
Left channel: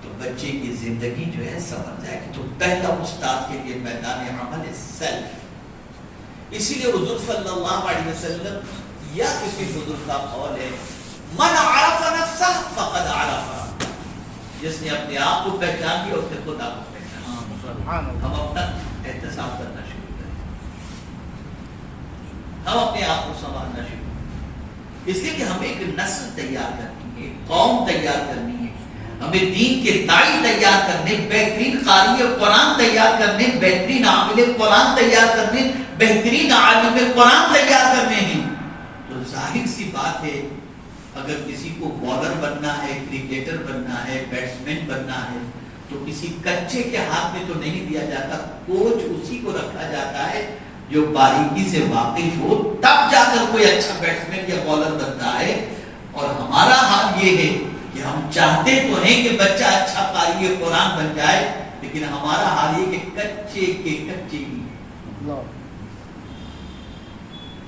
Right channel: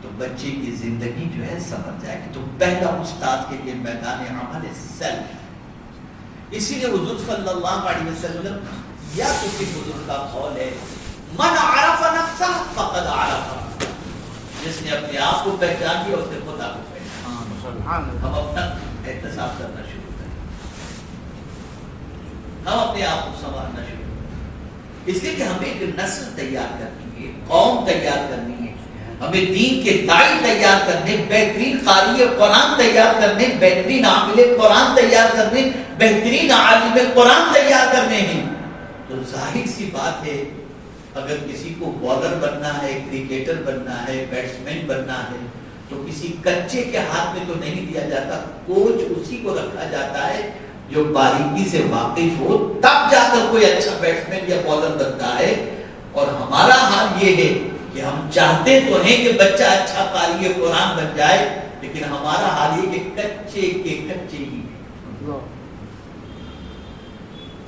تو بچے کی زندگی جو ہے سمجھ جائے گی۔ تو پہلا استاد کے لیے میدان عمل ہے سیلف۔ اسی لیے حضور صلی اللہ علیہ وسلم یا کسی بزرگ کا قول ہے، من عرف نفسہ فقد عرف، جس نے اپنے آپ کو پہچان لیا اس نے خدا کو پہچانا۔ ہم اپنا احتساب کرنا شروع کریں، ہم اپنے آپ کو سنوارنا شروع کریں، اس لیے کہ ہمیں ایک نسل تیار کرنی ہے، قوم تیار کرنی ہے، ہمیں دین کے داعی تیار کرنے، بہترین قاری قرآن تیار کرنے، بہترین عامل قرآن تیار کرنے، بہترین عالم قرآن تیار کرنے ہیں۔ تو ظاہر سی بات ہے اگر کسی کو بالر بننا ہے، کرکٹر بننا ہے، بیٹسمین بننا ہے تو کسی کچے کے ہاتھ میں تو نہیں دیا جاتا، کوچ اسی کو رکھا جاتا ہے جو باریکی سے واقف ہو، تب جا کر کوئی اچھا بیٹسمین یا بالر بنتا ہے۔ اور ہمارا حال یہ ہے کہ ہم چاہتے تو ہیں کہ بچہ اچھا قاری قرآن بن جائے، لیکن ہمارا حال یہ کہ کچے کے کچے ہی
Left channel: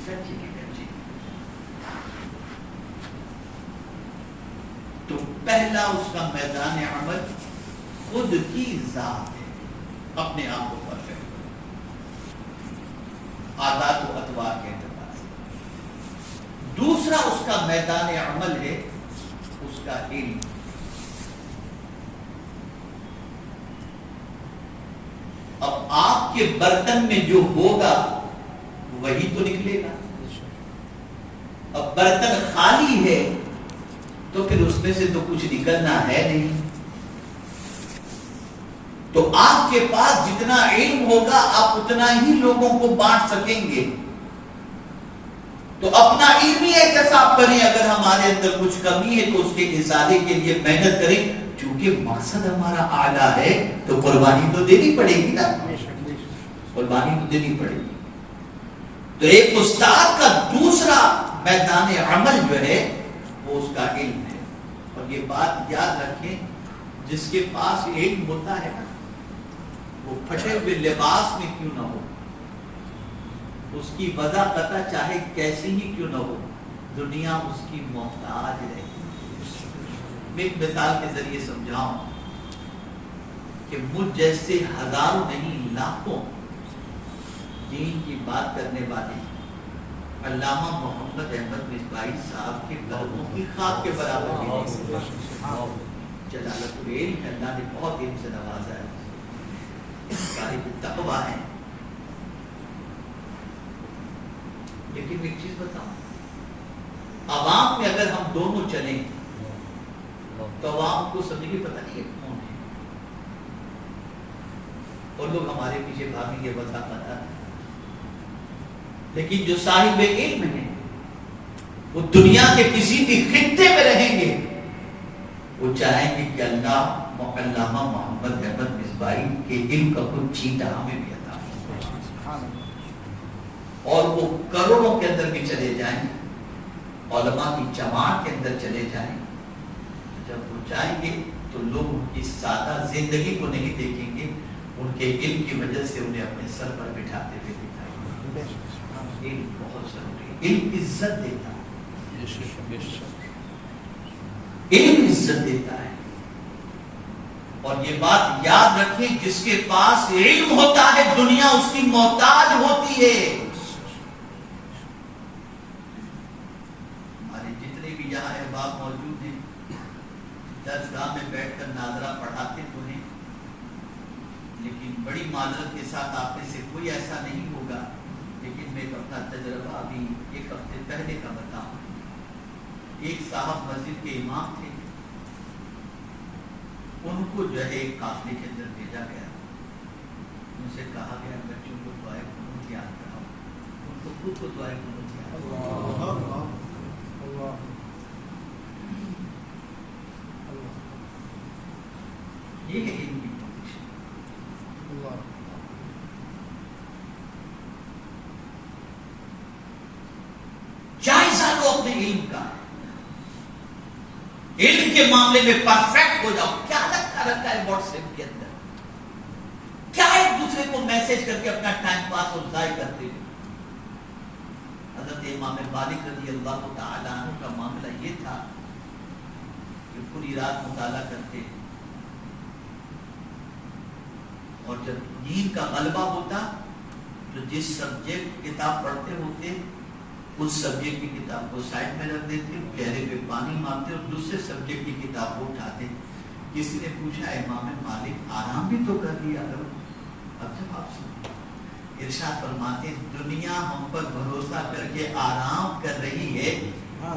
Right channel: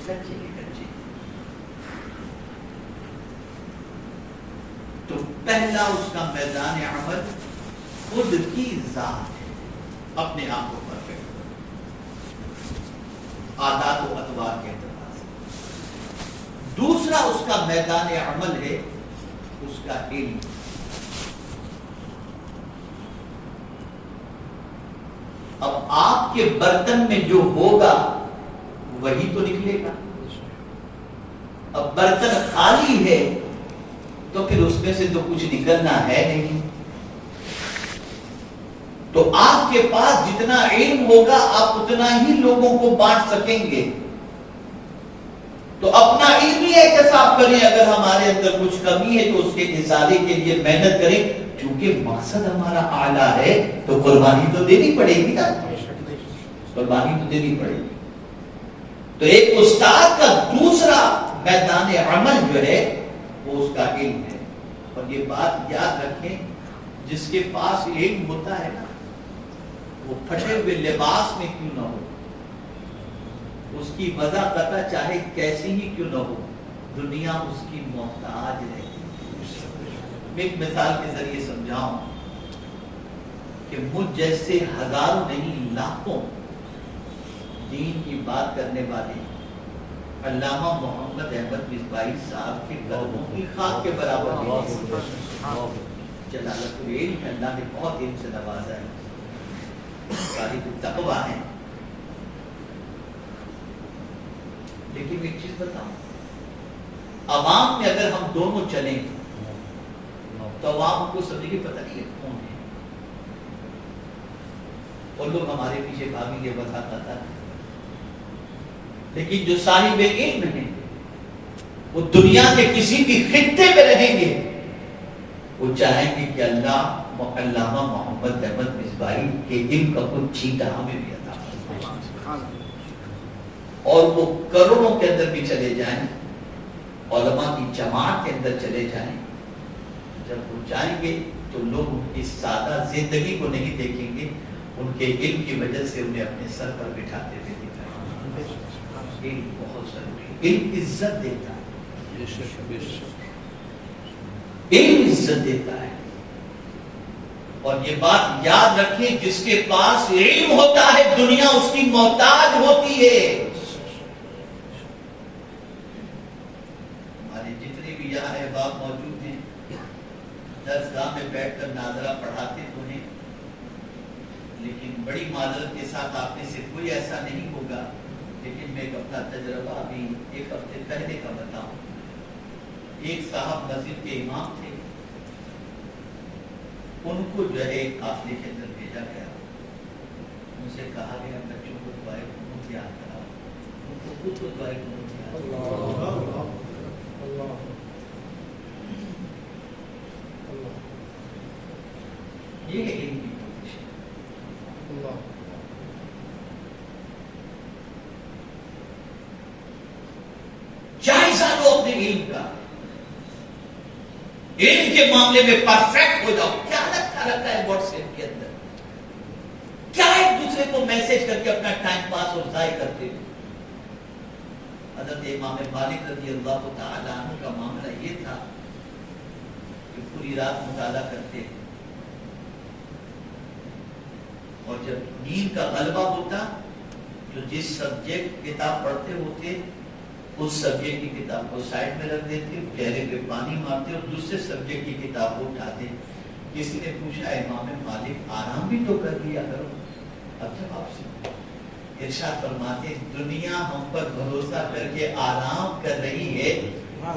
کچے کے کچے۔ تو پہلا اس کا میدان عمل خود کی ذات ہے، اپنے آپ کو پرفیکٹ کرو عادات و اطوار کے اعتبار سے۔ دوسرا اس کا میدان عمل ہے اس کا علم۔ اب آپ کے برتن میں جو ہوگا وہی تو نکلے گا۔ اب برتن خالی ہے تو پھر اس میں سے تو کچھ نکلنا ہے نہیں۔ تو آپ کے پاس جتنا علم ہوگا آپ اتنا ہی لوگوں کو بانٹ سکیں گے۔ تو اپنا علمی احتساب کریں، اگر ہمارے اندر کچھ کمی ہے تو اس کے ازالے کے لیے محنت کریں، چونکہ مقصد ہمارا اعلیٰ ہے تو قربانی تو دینی پڑے گی نا، قربانی تو دینی پڑے گی۔ تو ایک استاد کا دوسرا میدان عمل جو ہے وہ اس کا علم ہے۔ اور یہ بات یاد رکھیں، جس کے پاس علم ہوتا ہے نا وہ پھٹے ہوئے لباس میں کیوں نہ ہو، اس کی وضع قطع چاہے کیسی ہی کیوں نہ ہو، دنیا اس کی محتاج رہتی ہے۔ میں ایک مثال کے ذریعے سمجھاؤں کہ مجھ جیسے ہزاروں نہیں لاکھوں دین کی بات کرنے والے علامہ محمد احمد مصباحی صاحب کے قدموں کی خاک کے برابر جلالت العلم، اللہ نے بہت علم سے نوازا ہے، صاحب تقویٰ ہے۔ لیکن ایک چیز بتاؤں، عوام میں اگر ہم دونوں چلیں تو عوام کو سمجھے پتہ نہیں ہے کون ہے، اور لوگ ہمارے پیچھے بھاگیں گے وضع قطع۔ لیکن جو صاحب علم ہیں وہ دنیا کے کسی بھی خطے میں رہیں گے، وہ چاہیں گے کہ اللہ علامہ محمد احمد مصباحی کے علم کا کچھ چھینٹا ہمیں بھی عطا فرمائے، اور وہ کروڑوں کے اندر بھی چلے جائیں، علماء کی جماعت کے اندر چلے جائیں، جب وہ جائیں گے تو لوگ ان کی سادہ زندگی کو نہیں دیکھیں گے، ان کے علم کی وجہ سے انہیں اپنے سر پر بٹھاتے ہوئے دکھائیں گے۔ علم بہت ضروری ہے، علم عزت دیتا ہے، علم عزت دیتا ہے۔ اور یہ بات یاد رکھیں، جس کے پاس علم ہوتا ہے دنیا اس کی محتاج ہوتی ہے۔ ہمارے جتنے بھی یہاں احباب موجود ہیں، درسگاہ میں بیٹھ کر ناظرہ پڑھاتے تو ہیں، لیکن بڑی معذرت کے ساتھ آپ میں سے کوئی ایسا نہیں ہوگا، لیکن میں اپنا تجربہ ابھی ایک ہفتے پہلے کا بتاؤں۔ ایک صاحب مسجد کے امام تھے، ان کو جو ہے ایک قافلے کے اندر بھیجا گیا، ان سے کہا گیا بچوں کو دعائیں قنوت یاد کراؤ، ان کو خود کو دعائیں قنوت یاد کراؤ۔ یہ ہے ان کی پوزیشن۔ جائزہ لو اپنے علم کا، علم کے معاملے میں پرفیکٹ ہو جاؤ۔ کیا رکھا ہے واٹس ایپ کے اندر، کیا ایک دوسرے کو میسج کر کے اپنا ٹائم پاس اور ضائع کرتے ہو۔ حضرت امام مالک رضی اللہ تعالی عنہ کا معاملہ یہ تھا کہ پوری رات مطالعہ کرتے، اور جب نیند کا غلبہ ہوتا تو جس سبجیکٹ کتاب پڑھتے ہوتے اس سبجیکٹ کی کتاب کو سائڈ میں رکھ دیتے، چہرے پہ پانی مارتے اور دوسرے سبجیکٹ کی کتاب کو اٹھاتے۔ کسی نے پوچھا امام مالک آرام بھی تو کر لیا کرو۔ اب جب آپ سے ارشاد فرماتے دنیا ہم پر بھروسہ کر کے آرام کر رہی ہے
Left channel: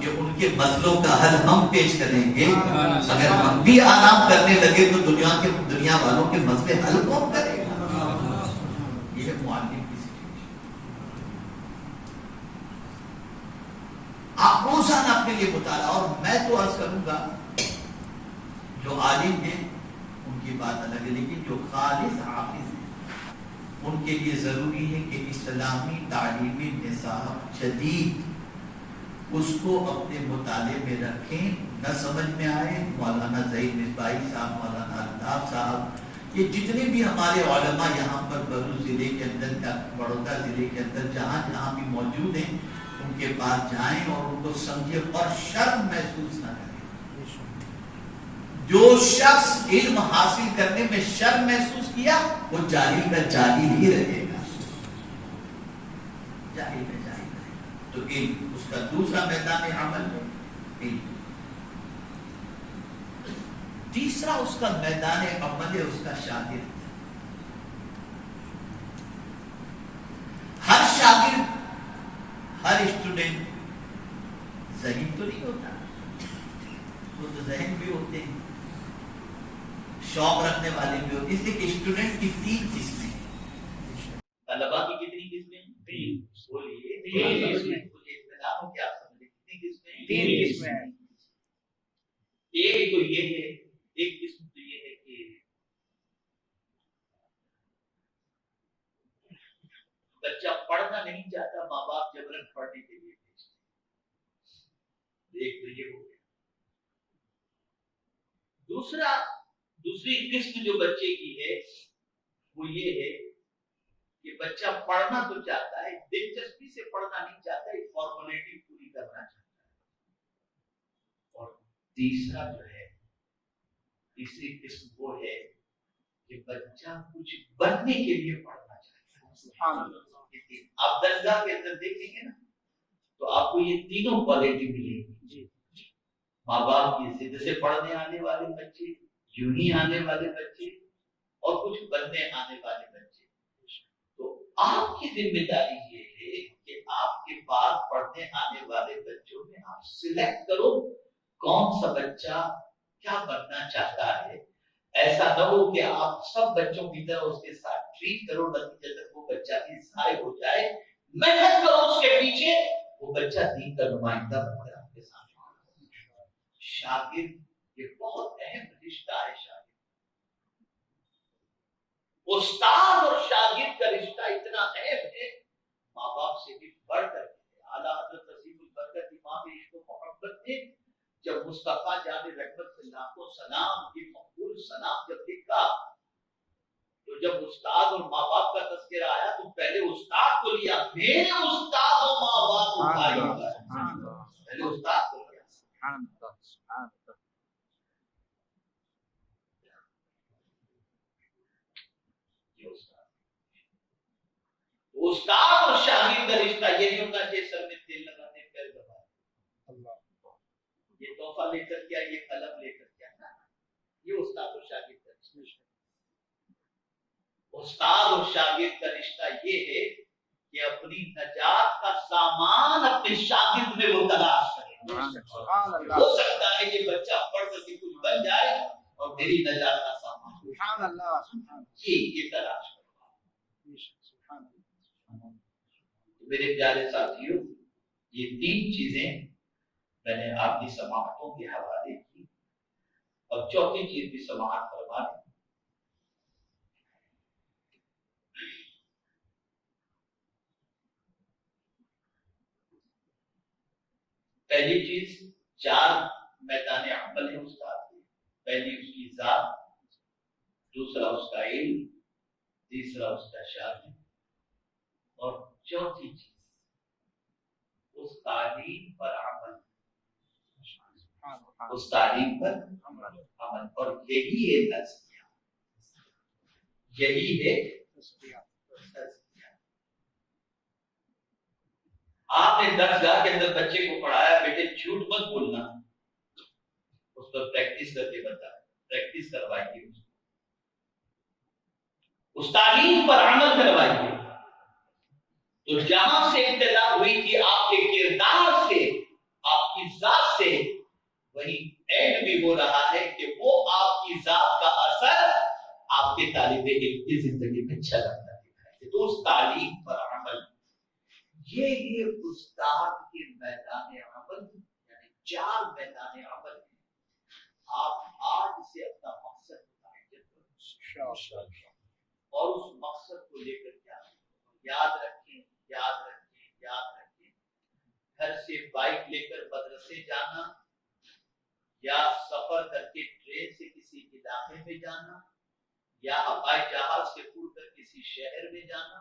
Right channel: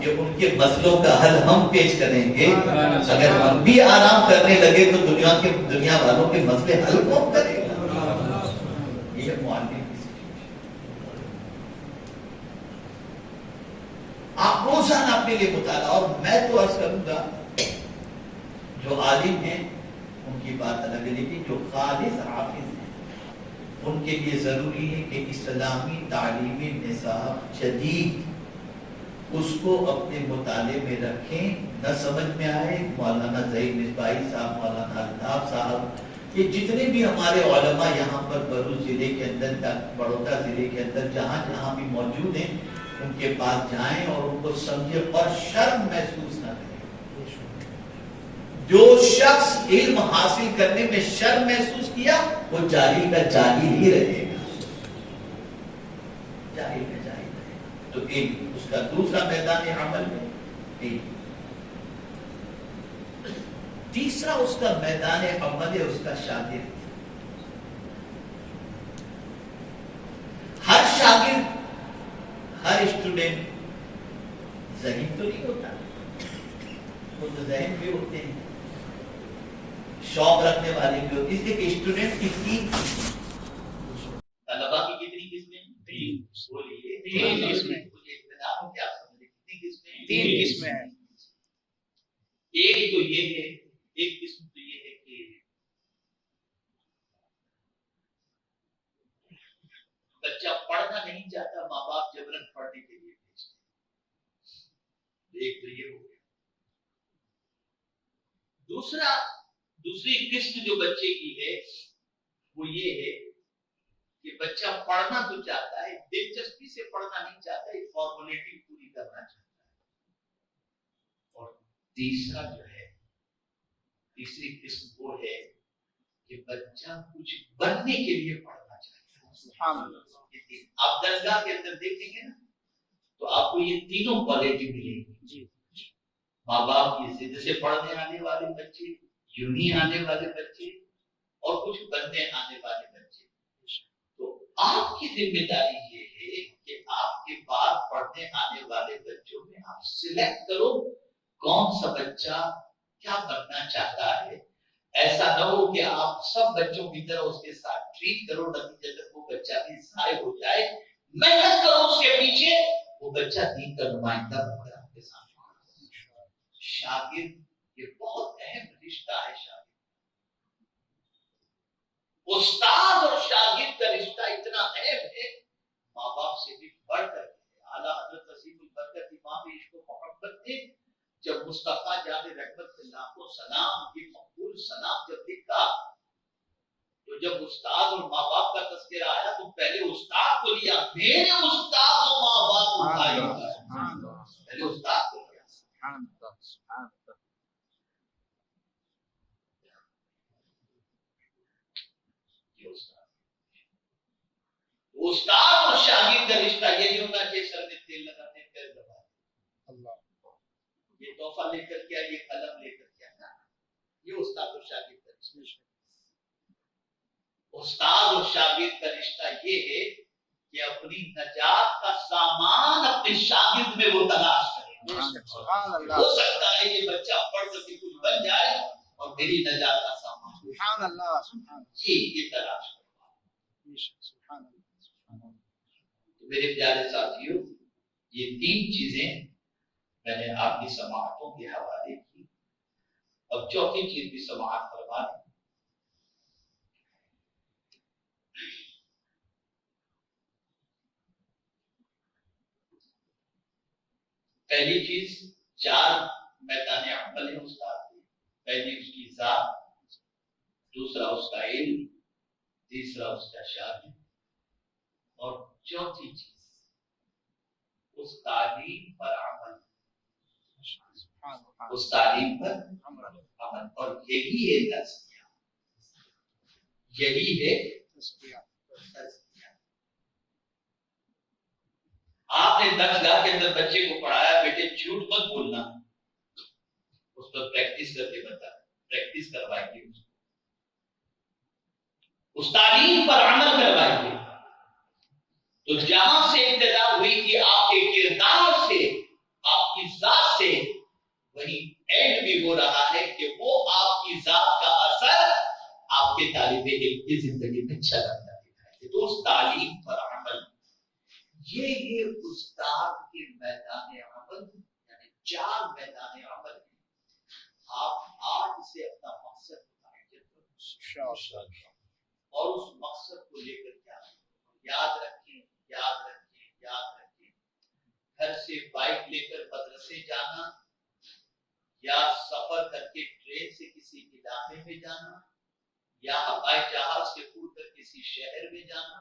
کہ ان کے مسئلوں کا حل ہم پیش کریں گے، اگر ہم بھی آرام کرنے لگے تو دنیا والوں کے مسئلے حل کون کرے گا؟ یہ ہے معلم کی سچویشن۔ آپ روزانہ اپنے لیے مطالعہ، اور میں تو عرض کروں گا جو عالم ہیں ان کی بات الگ ہے، لیکن جو خالص حافظ ہیں ان کے لیے ضروری ہے کہ اسلامی تعلیمی نصاب جدید اس کو اپنے مطالعے میں رکھیں۔ نہ سمجھ میں آئے، مولانا ظہیر مصباحی صاحب، مولانا الطاف صاحب، یہ جتنے بھی ہمارے علماء یہاں پر بھروچ ضلع کے اندر، بڑودہ ضلع کے اندر جہاں جہاں بھی موجود ہیں، ان کے پاس جائیں اور ان کو سمجھے اور شرم محسوس نہ کریں۔ جو شخص علم حاصل کرنے میں شرم محسوس کیا وہ جاہل کا جاہل ہی رہے گا، جاہل کا جاہل رہے گا۔ تو علم اس کا دوسرا میدان عمل ہے علم۔ تیسرا اس کا میدان عمل ہے اس کا شاگرد۔ ہر شاگرد، ہر اسٹوڈنٹ ذہین تو نہیں ہوتا، وہ تو ذہن بھی ہوتے ہیں، شوق رکھنے والے بھی ہوتے ہیں۔ اس لیے کہ اسٹوڈنٹ کی تین طلبا کی کتنی قسمیں؟ تین۔ بولیے تین قسمیں۔ اطلاع ہو کیا سمجھے کتنی قسمیں؟ تین قسمیں۔ ایک تو یہ ہے، ایک قسم تو یہ ہے کہ بچہ پڑھنا نہیں چاہتا، ماں باپ جبرن پڑھنے کے لیے بھیجتے ہیں، ایک تو یہ ہو گیا۔ دوسری قسم جو بچے کی ہے وہ یہ ہے کہ بچہ پڑھنا تو چاہتا ہے، دلچسپی سے پڑھنا نہیں چاہتا، ایک فارمیلٹی پوری کرنا چاہتا ہے۔ اور تیسرا جو ہے، تیسری قسم وہ ہے کہ بچہ کچھ بننے کے لیے پڑھنا چاہتا ہے۔ سبحان اللہ۔ آپ درسگاہ کے اندر دیکھیں گے نا تو آپ کو یہ تینوں کوالٹی ملے گی۔ ماں باپ کی ضد سے پڑھنے آنے والے بچے، یونی آنے والے بچے، اور کچھ بننے آنے والے بچے۔ تو آپ کی ذمہ داری یہ ہے کہ آپ کے بعد پڑھنے آنے والے بچوں میں آپ سلیکٹ کرو کون سا بچہ کیا بننا چاہتا ہے۔ ایسا نہ ہو کہ آپ سب بچوں کی طرح اس کے ساتھ ٹریٹ کرو، نتیجہ تک وہ بچہ بھی ضائع ہو جائے۔ محنت کرو اس کے پیچھے، وہ بچہ دین کا نمائندہ بن کر آپ کے سامنے۔ شاگرد یہ بہت اہم رشتہ ہے۔ شاگرد، استاد اور شاگرد کا رشتہ اتنا اہم ہے، ماں باپ سے بھی بڑھ کر۔ اعلیٰ حضرت نصیب البرکت امام عشق و محبت نے جب مصطفیٰ جان رحمت اللہ کو سلام کی مقبول سلام جب لکھا تو جب استاد اور ماں باپ کا تذکرہ آیا تو پہلے استاد کو لیا، میرے استاد و ماں باپ پہلے استاد کو لیا۔ استاد اور شاگرد کا رشتہ یہ نہیں ہونا کہ سر میں تیل لگاتے ہیں پیر دباتے ہیں، یہ تحفہ لے کر کیا، یہ قلم لے کر کیا، یہ استاد اور شاگرد کا رشتہ۔ استاد اور شاگرد کا رشتہ یہ ہے کہ اپنی نجات کا سامان اپنے شاگرد میں وہ تلاش کرے۔ ہو سکتا ہے یہ بچہ پڑھ کر کے کچھ بن جائے اور میری نجات کا سامان یہ تلاش کرے۔ میرے پیارے ساتھیوں، یہ تین چیزیں میں نے آپ کی سماعتوں کے حوالے کی، اور چوتھی چیز بھی سماعت فرما دی۔ پہلی چیز 4 میدان عمل ہے استاد کے، پہلی اس کی ذات، دوسرا اس کا علم، تیسرا اس کا شان، اور چوتھی چیز اس تعلیم پر عمل، اس تعلیم پر عمل، اور یہی ہے تزکیہ، یہی ہے تزکیہ۔ آپ نے درسگاہ کے اندر بچے کو پڑھایا، بیٹے جھوٹ مت بولنا، اس پر پریکٹس کرتے بتا، پریکٹس کروائیے، اس تعلیم پر عمل کروائیے۔ تو جہاں سے ابتدا ہوئی کہ آپ کے کردار سے، آپ کی ذات سے، وہی اینڈ بھی ہو رہا ہے کہ وہ آپ کی ذات کا اثر آپ کے طالب علم کی زندگی میں چلا جاتا ہے۔ تو اس تعلیم پر عمل، یہ استاد کے میدان عمل، یعنی 4 میدان عمل ہیں۔ آپ آج سے اپنا مقصد متعین کریں اور اس مقصد کو لے کر کیا یاد رکھیں، یاد رکھیں، یاد رکھیں۔ گھر سے بائک لے کر مدرسے جانا، یا سفر کر کے ٹرین سے کسی علاقے میں جانا، یا ہوائی جہاز سے اڑ کر کسی شہر میں جانا،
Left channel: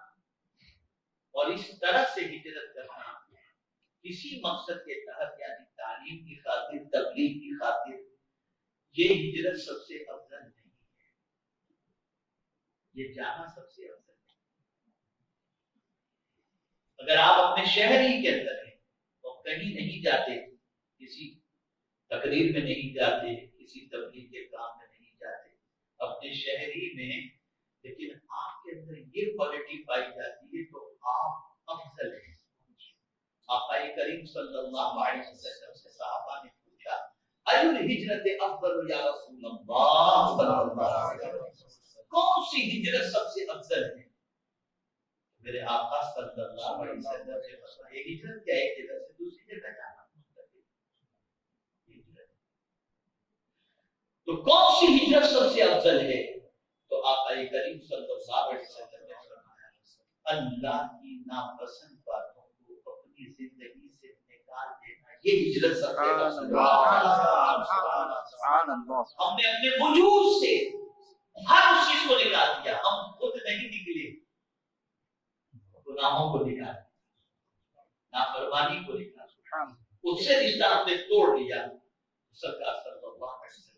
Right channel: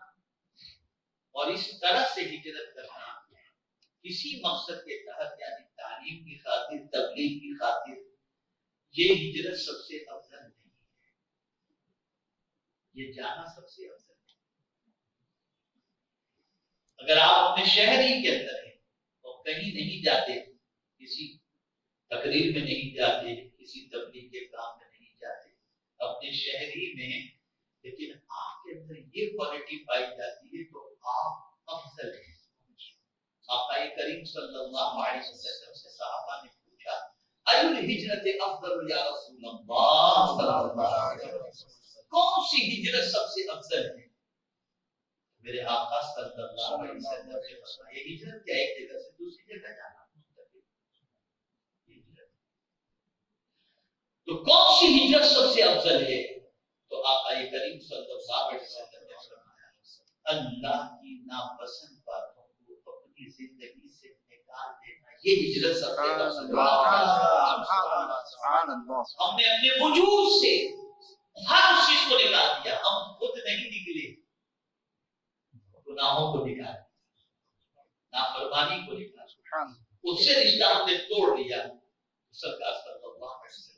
اور اس طرح سے ہجرت کرنا کسی مقصد کے تحت، یعنی تعلیم کی خاطر، تبلیغ کی خاطر، یہ ہجرت سب سے افضل نہیں ہے، یہ جانا سب سے افضل ہے۔ اگر آپ اپنے شہر ہی کے اندر ہیں تو کہیں نہیں جاتے، کسی تقریر میں نہیں جاتے، کسی تبلیغ کے کام میں نہیں جاتے، اپنے شہر ہی میں، لیکن آپ کے اندر یہ کوالٹی پائی جاتی ہے تو آپ افضل ہیں۔ آقا کریم صلی اللہ علیہ وسلم سے صحابہ نے پوچھا، ایُ الہجرت افضل یا رسول اللہ صلی اللہ علیہ وسلم، کون سی ہجرت سب سے افضل ہے؟ میرے آقا صلی اللہ علیہ وسلم نے فرمایا، یہ ہجرت کیا ایک جگہ سے دوسری جگہ جانا، تو کون سی ہجرت سب سے افضل ہے؟ تو آقا کریم صلی اللہ علیہ وسلم نے فرمایا، اللہ کی ناپسند باتوں کو اپنی زندگی سے نکال دینا، یہ ہجرت سب سے افضل ہے۔ ہم نے اپنے وجود سے ہر چیز کو نکال دیا، ہم خود نہیں نکلے، گناہوں کو نکال دیا، نافرمانی کو نکال دیا، اس سے رشتہ ہم نے توڑ دیا۔ سرکار صلی اللہ علیہ وسلم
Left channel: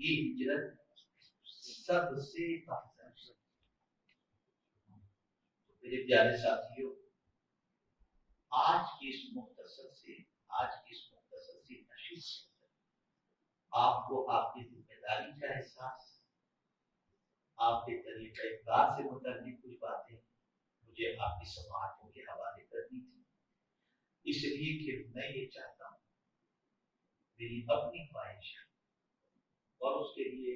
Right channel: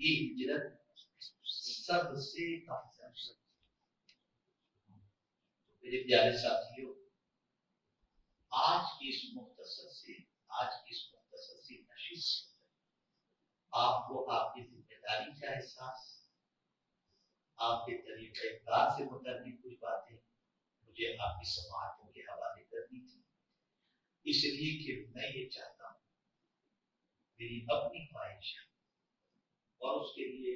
یہ ہجرت سب سے افضل ہے۔ میرے پیارے ساتھیوں، آج کی اس مختصر سی نشست سے آپ کو آپ کی ذمہ داری کا احساس، آپ کے طریقہ کار سے متعلق کچھ باتیں مجھے آپ کی سماعتوں کے حوالے کرنی تھی، اس لیے کہ میں یہ چاہتا ہوں، میری اپنی خواہش ہے اور اس کے لیے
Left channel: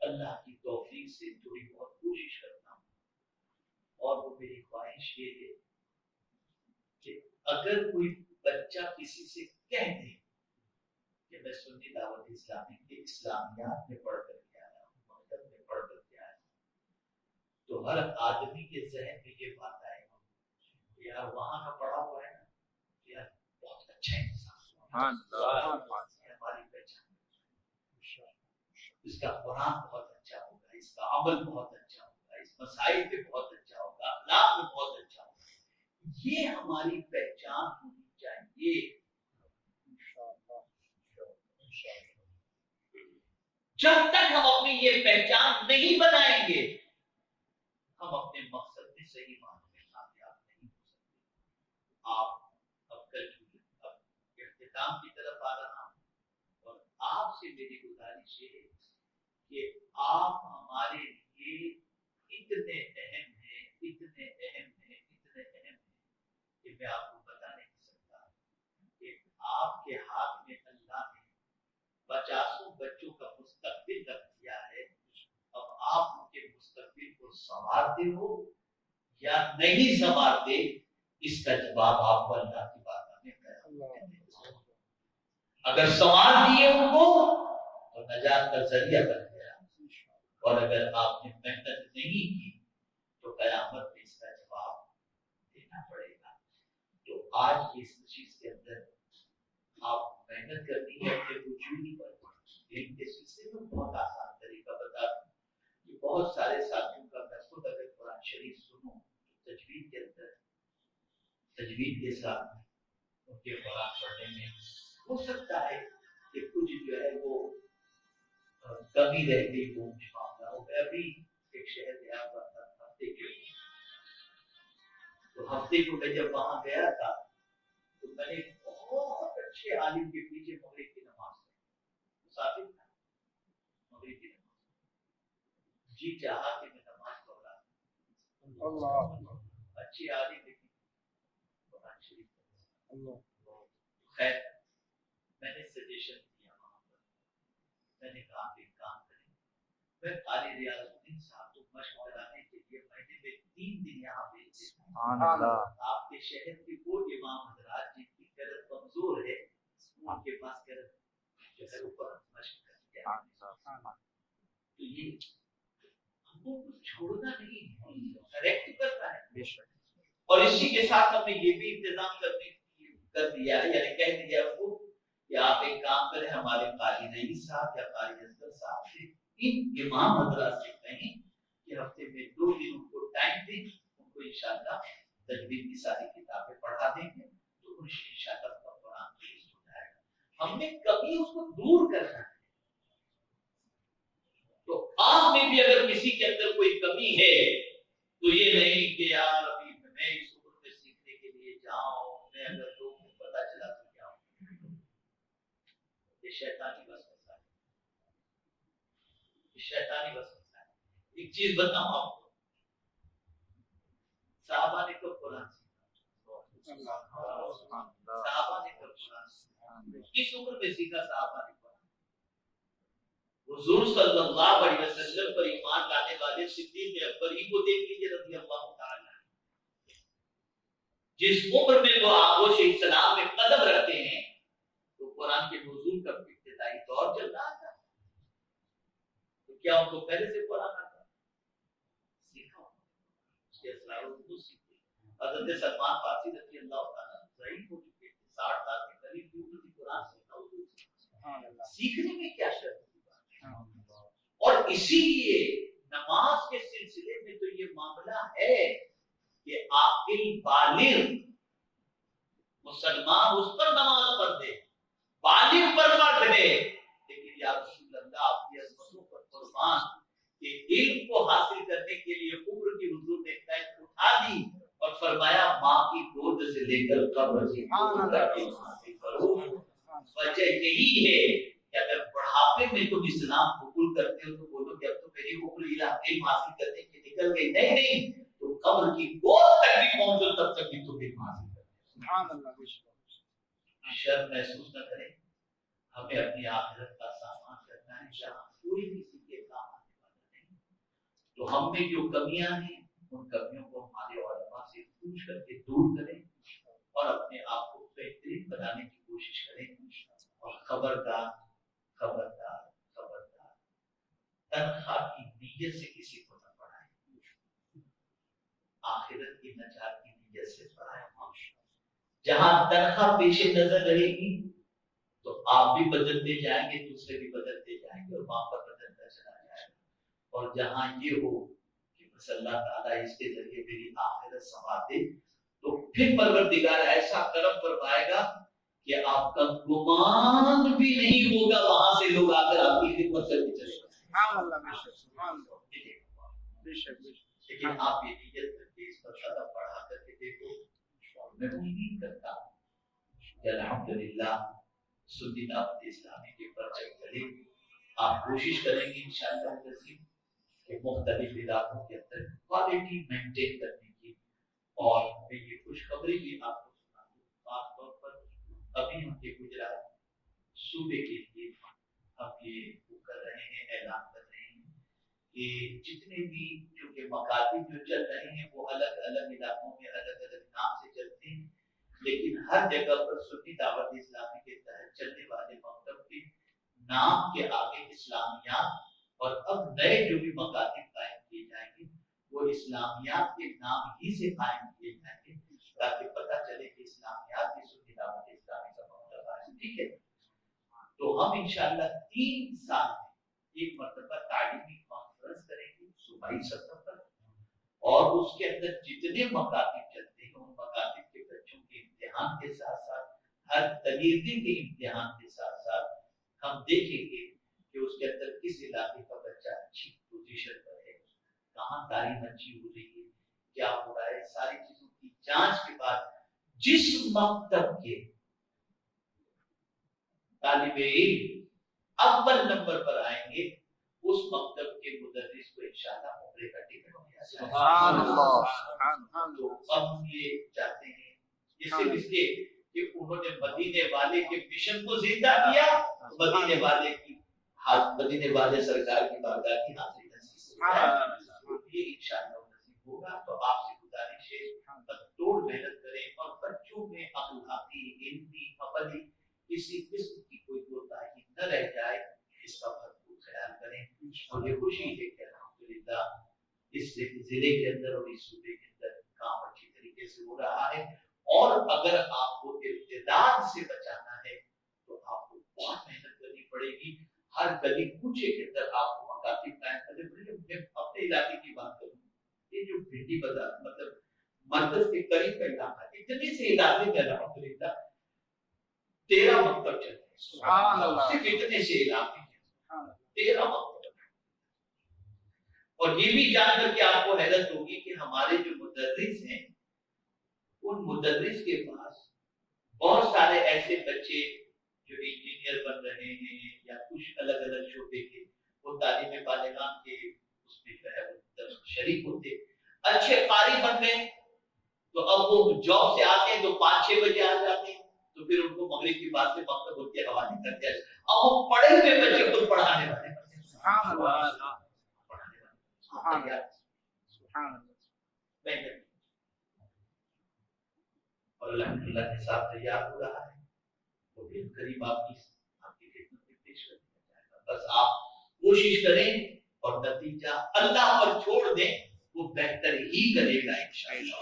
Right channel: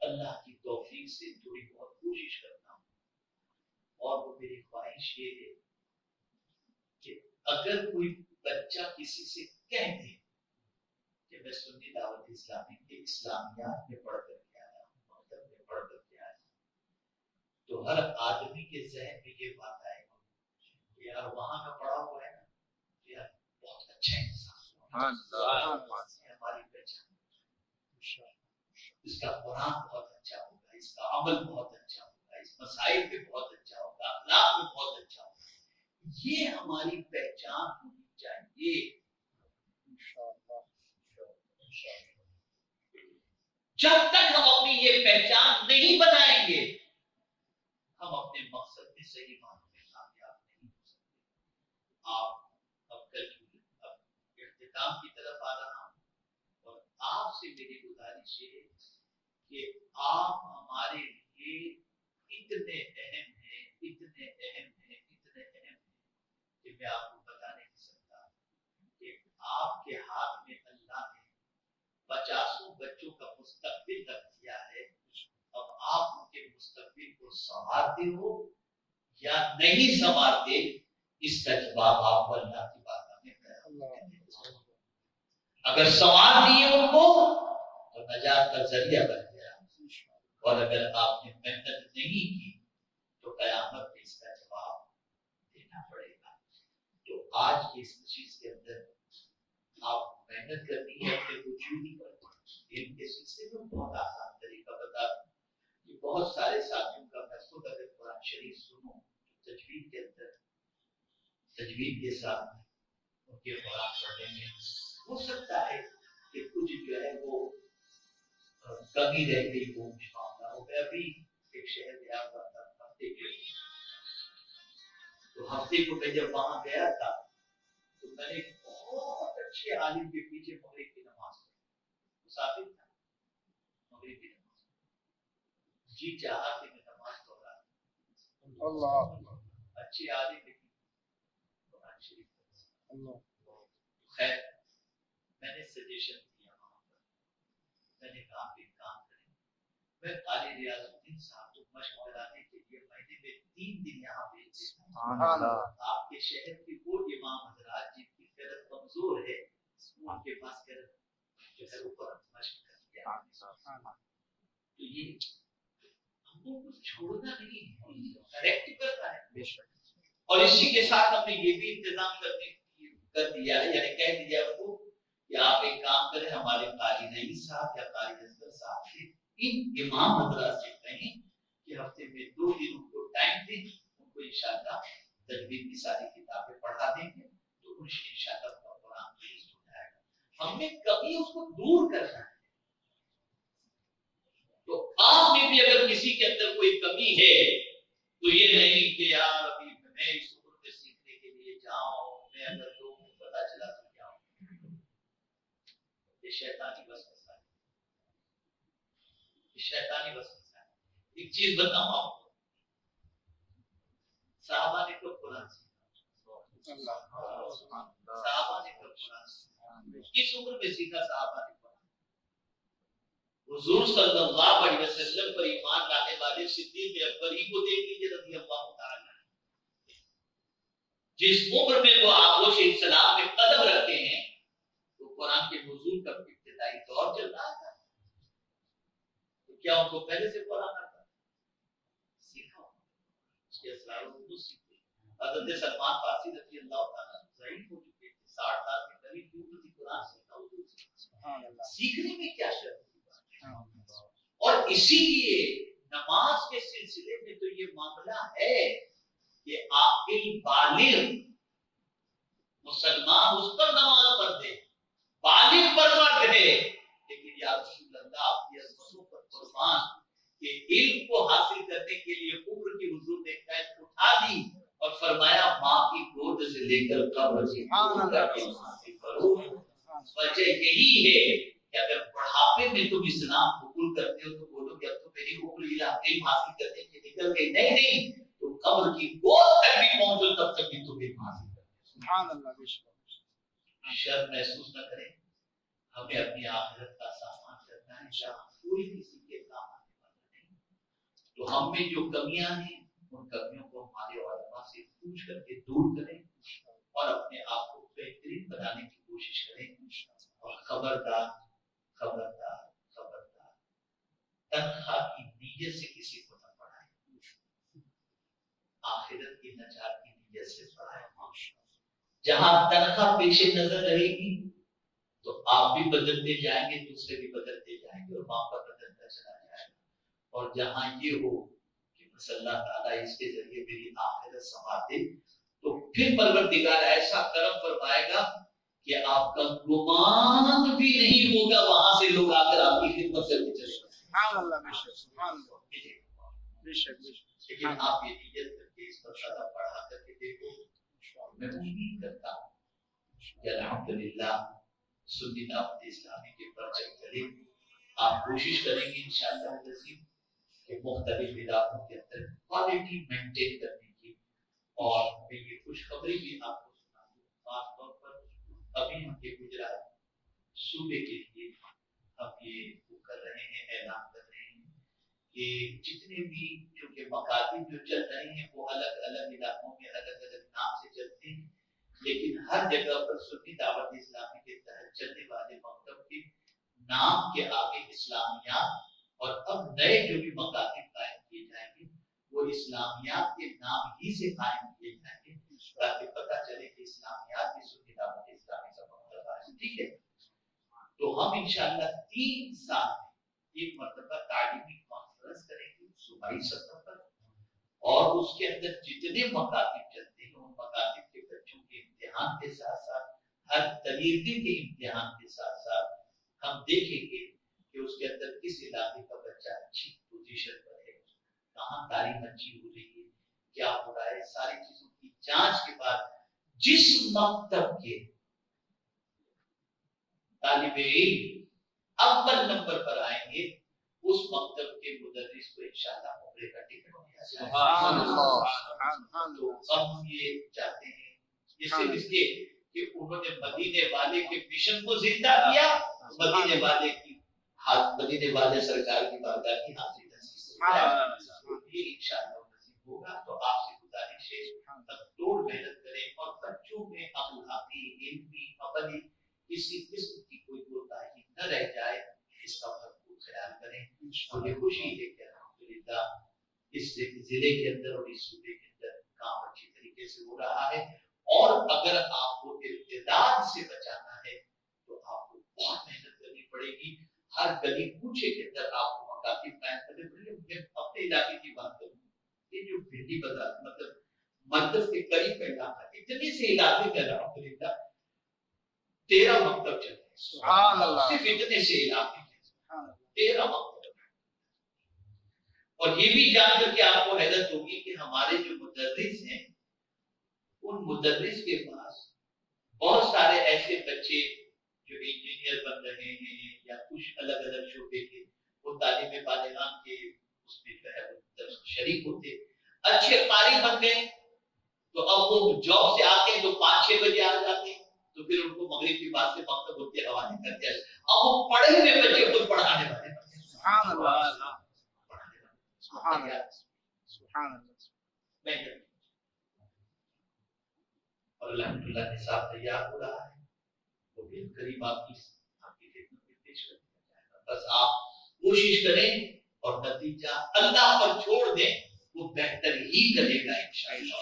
اللہ کی توفیق سے تھوڑی بہت کوشش کرتا ہوں، اور وہ میری خواہش یہ ہے کہ اگر کوئی بچہ کسی سے کہہ دے کہ میں سنی دعوت اسلامی کے اسلامیات میں پڑھ کر کے آیا ہوں، مکتب میں پڑھ کر کے آیا ہوں، تو ہر آدمی کے ذہن میں یہ بات آئے گا کہ یار وہاں کا پڑھا ہوا ہے نا، یار بہت اچھا انسان، ہماری پہچان، اس کا قرآن بہت اچھا ہوگا، اس کا عمل بہت اچھا ہوگا، اس مسائل پہ بہت اچھا ہوگا، اخلاق میں بہت اچھا ہوگا. یہ ہماری پہچان ہونی چاہیے. جب تک ہم اپنی یہ پہچان نہیں بنائیں گے ہم اپنے مقصد میں صحیح معنوں میں کامیاب نہیں ہو سکتے. آپ اب اختتام کی طرف آ رہا ہوں اور آپ سے میری گزارش ہے کہ آپ ہمارے لیے اتنے اہم ہیں کہ میں آپ کو بتا نہیں سکتا کہ آپ کے ہاتھ میں اللہ نے 50 بچوں کا مستقبل رکھ دیا ہے. اب آپ ان کے مستقبل کو سنوارتے ہو یا نہیں سنوارتے، اس کا جواب آپ کو اللہ کی بات میں اگر سنوار دیے ان کو تو نجات کا ذریعہ بن گیا، اور اگر آپ نے محنت نہیں کی تو قیامت میں اس کا جواب دینا پڑے گا. تو آج کی اس چیز کے اندر آپ محنت کرنی ہے اپنے وجودی پر. علم کے سلسلے میں بہت آسان طریقہ بتا دوں کہ بہت سارے ساتھیوں کا میں خود اگر قرآن شریف سنوں تو تجوید کے اندر تجوید کے ساتھ ان کے قرآن پڑھنے میں ہو سکتا ہے کہ کچھ جو ہے وہ کمی رہ گئی وہ معاملہ ہو. میں ابھی ایک شہر گیا ہوا تھا ہفتے کے، تو ہفتے کو میں جب وہاں گیا تھا تو میں نے بہت اچھے عالم کے پیچھے مغرب کی نماز پڑھی. مسافر تھا، مغرب کی نماز جی چاہا کہ میں نماز پڑھا. اچھے عالم لیکن قرآن شریف. خیر میں نے سجیشن دیا وہاں پر، میں نے کہا آپ ایک کام کریں، میں قاری ریاض الدین صاحب کو مشق کرانے کے لیے مہینے میں 3 دن یہاں بھیج دیتا ہوں. آپ کے شہر کی وہ امام حضرات جن کی قدر کمزور ہے ان کے پاس قدر جو ہے اوپر مشق کر دیا. تو یہ ہم کو کچھ چھوڑنا نہیں ہے، کریکٹ کرنا ہے. اور اسی کے ساتھ ہم نے یہ بھی انتظام کر دیا ہے، یعنی کہہ دیا ان کو کہ آپ ایک کام کریں، ہمارے قاری نعیم صاحب یا قاری اصغر صاحب سے ان امام حضرات سے کہیں کہ ہفتے میں 2 دن ان کو ٹائم دیں، ان کو انشاءاللہ تجوید کی ساری کتابیں پڑھا دیں گے تو انشاءاللہ قرآن درست ہو جائے گا. ہم نے کبھی اس کو دور کرنا ہے. تو آپ میں بھی اگر کسی کے اندر کوئی کمی ہے تو یہ نہیں کہ یار ابھی میں اس عمر میں سیکھنے کے لیے جاؤں، میں اگر لوگوں کو پتا چلا تو کیا ہوں. یہ شیطانی وسوسہ ہے، یہ شیطانی وسوسہ ہے. ایک چیز بتاؤں آپ کو، صحابہ نے کب قرآن سیکھا؟ صحابہ نے کب قرآن سیکھا؟ کس عمر میں سیکھا صحابہ نے قرآن؟ حضور صلی اللہ علیہ وسلم پر ایمان لانے والے صدیق اکبر ہی کو دیکھ لیجیے رضی اللہ تعالی. جس عمر میں وہ آغوش اسلام میں قدم رکھتے ہیں تو قرآن کے نزول کا ابتدائی دور چل رہا تھا. تو کیا ان کو پہلے سے قرآن آتا سیکھا؟ اس کے اسرار اردو سیکھے. حضرت سلمان فارسی رضی اللہ تعالیٰ ضعیف ہو چکے تھے، 60 سال کے قریب اردو کی قرآن سیکھا. سیکھنے میں کیا شرط ہے؟ اور اسی لیے نماز کے سلسلے میں تو یہ معاملہ ہے کہ عاقل بالغ مسلمان اس پر نماز پڑھ دے، بالغ پر فرض ہے. لیکن یا رسول اللہ آپ کی عظمتوں پر قربان کہ علم کو حاصل کرنے کے لیے عمر کی حضور نے قید اٹھا دی اور فرمایا ماں کی گود سے لے کر قبر سے حاصل کرو. وجہ یہی ہے کہ اگر بڑھاپے میں تم اسلام قبول کرتے ہو تو بولو کہ اب تو میری عمر علم حاصل کرنے کی نکل گئی. نہیں، تو قبر کی گود تک بھی پہنچو تب تک بھی تم علم حاصل کرتے. سبحان اللہ. شرم محسوس نہ کریں، ہمیں اپنی آخرت کا سامان کرنا ہے جہاں کوئی کسی کے کام آنے والا نہیں. تو ہم میں جو کمیاں ہیں ان کمیوں کو ہمارے علماء سے پوچھ کر کے دور کریں اور اپنے آپ کو بہترین بنانے کی کوشش کریں. اور خبردار تنخواہ کی نیت سے کسی کو نہ پڑھائیں، آخرت کی نجات کی نیت سے پڑھائیں. جہاں تنخواہ پیش نظر رہے گی آپ بھی بدلتے جائیں گے, دوسرے بھی بدلتے جائیں گے, اور وہاں پر بدلتا چلا جائے گا. اور جہاں یہ ہو کہ بس اللہ تعالیٰ اس کے ذریعے میری آخرت سنوار دے, تو پھر پروردگار ایسا کرم فرمائے گا کہ آپ کا گمان بھی نہیں ہوگا وہاں سے لوگ آ کر آپ کی خدمت سے چلے گا. لیکن آپ یہ نیت کر کے اس پر زیادہ پڑھا کر کے دیکھو. میں امید کرتا ہوں کہ الحمدللہ سنی دعوت اسلامی کے پرچم چلے. آپ کوشش کریں گے انشاءاللہ کہ مختلف علاقوں کے اندر کوالٹی مینٹین کرنے کی. اور میں یہ خوشخبری بھی آپ کو سنا دوں, خاص طور پر ابھی ہم کے گجرات صوبے کے لیے ہم یہ کر رہے ہیں, اعلان کر رہے ہیں کہ جتنے بھی چونکہ مکاتب جو چل رہے ہیں وہ الگ الگ علاقوں میں الگ الگ نام سے چلتے ہیں, لیکن ہر جگہ پر سنی دعوت اسلامی کے تحت چلنے والے مکتب کے نام کے آگے اسلامیات, اور اب نئے جو بھی مکاتب قائم کیے جائیں گے وہ اسلامیات کے نام ہی سے قائم کیے جائیں گے, تاکہ پتہ چلے کہ اسلامیات بھی سنی دعوت اسلامی کا مکتب ہے. ٹھیک ہے, تو ہم انشاءاللہ 3 سال میں ایک مرتبہ تعلیمی کانفرنس کریں گے صوبائی سطح پر, اور اس کے اندر جتنے مکاتب چلتے ہیں ان مکاتب کے بچوں کے امتحان کے ساتھ ساتھ ہر طریقے کے امتحان کے ساتھ ساتھ ہم دیکھیں گے کہ اس کے اندر کس علاقے کا بچہ اچھی پوزیشن پر ہے, کہاں تعلیم اچھی ہو رہی ہے, کیا ہو رہا ہے. ساری چیزوں کی جانچ کے بعد جس مکتب کے طالب علم اول نمبر پر آئیں گے اس مکتب کے مدرس کو انشاءاللہ عمرے کا ٹکٹ دیا جائے گا. سبحان اللہ. تو ہم یہ چاہتے ہیں یہ صرف اس لیے کہ انہوں نے مدینے والے کے مشن کو زندہ کیا, مدینے والے کی مدینے والے سرکار کی بارگاہ کی حاضری نصیب, یہ انشاءاللہ نصیب ہوگا. تو آپ سے گزارش ہے توڑ محنت کریں, اور بچوں میں اخلاقی, علمی, عملی کسی قسم کی کوئی کوتاہی نہ رہ جائے, اس کا بھرپور خیال کریں. مجھے خوشی ہے کہ الحمدللہ اس ضلع کے اندر اور اس صوبے کے اندر کام اچھی طریقے سے ہو رہا ہے. اور اگر آپ کو ارتداد سے بچانا ہے تو آپ کو بہت محنت کرنی پڑے گی. ہر گلی کوچے کے اندر آپ کو مکاتب قائم کرنے پڑیں گے. میں اپنے علاقے کی بات کروں, یہ جو بھنڈی بازار مطلب مرکز کے قریب کا علاقہ, اتنے سے علاقے میں الحمدللہ 13 مکتب چلتے ہیں. سبحان اللہ. صرف اتنے سے علاقے 13 مکتب. اور یہ بھی جان کر کے آپ کو حیرت ہوگی کہ ہمارے جو مدرس ہیں ان مدرس کے پاس بہت سارے ایسے بچے جو انجینئر بن رہے ہیں یا کچھ الگ الگ شعبے کے, وہ تعلیم بالغان کے اس میں جو ہے شریک ہوتے, اچھے قاری بن گئے, تو اب وہ جاب سے آتے ہیں تو 5-6 بجے آ جاتے ہیں, تو پھر ان کو مغرب کی بات سے مکتب ان کے حوالے کر دیا. اب وہ پڑھے ہوئے بچے خود پڑھانے والے بچے. سبحان اللہ. اور الحمدللہ نصاب تیار ہو رہا ہے, تو پھر قریب آپ کی خدمت میں پیش کر دیا جائے گا. بس آپ کوشش کریں اور نتیجہ اللہ پر چھوڑ دیں, وہ بہتر ہی کرے گا انشاءاللہ.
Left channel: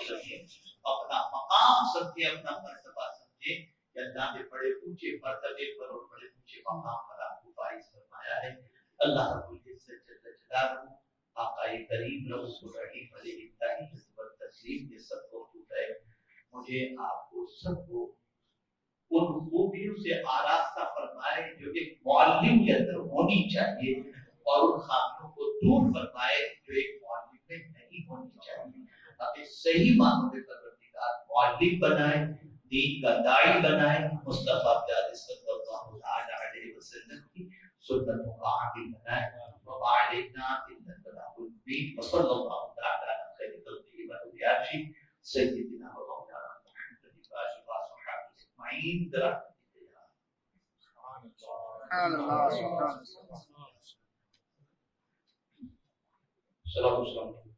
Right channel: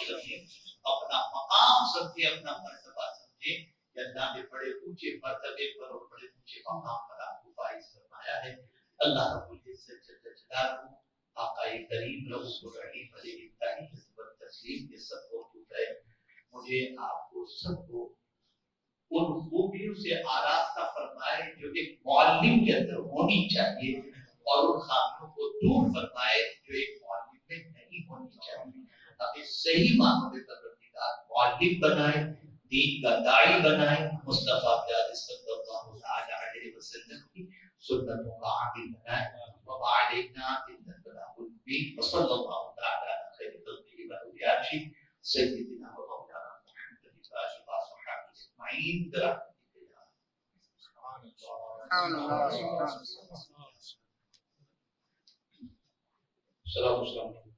اپنا مقام سمجھے, اپنا مرتبہ سمجھے کہ اللہ نے بڑے اونچے مرتبے پر اور بڑے اونچے مقام پر آپ کو فائز فرمایا ہے. اللہ رب العزت جل جلالہ آقا کریم رسول رحیم علیہ الصلوۃ والتسلیم کے سب کو ہے. مجھے آپ کو سب کو ان خوبیوں سے آراستہ فرمائے جو ایک معلم کے اندر ہونی چاہیے, اور ان خامیوں کو دور فرمائے جو ایک معلم میں نہیں ہونی چاہیے. ہمیں صحیح معنوں میں پروردگار معلم بنائے, دین کا داعی بنائے, مصطفیٰ پیارے صلی اللہ علیہ وسلم کی سنتوں کا عامل بنائے. وما علینا الا البلاغ المبین. وصلی اللہ تعالی علی خیر خلقہ وعلی سیدنا و مولانا محمد وآلہ وصحبہ اجمعین. السلام علیکم.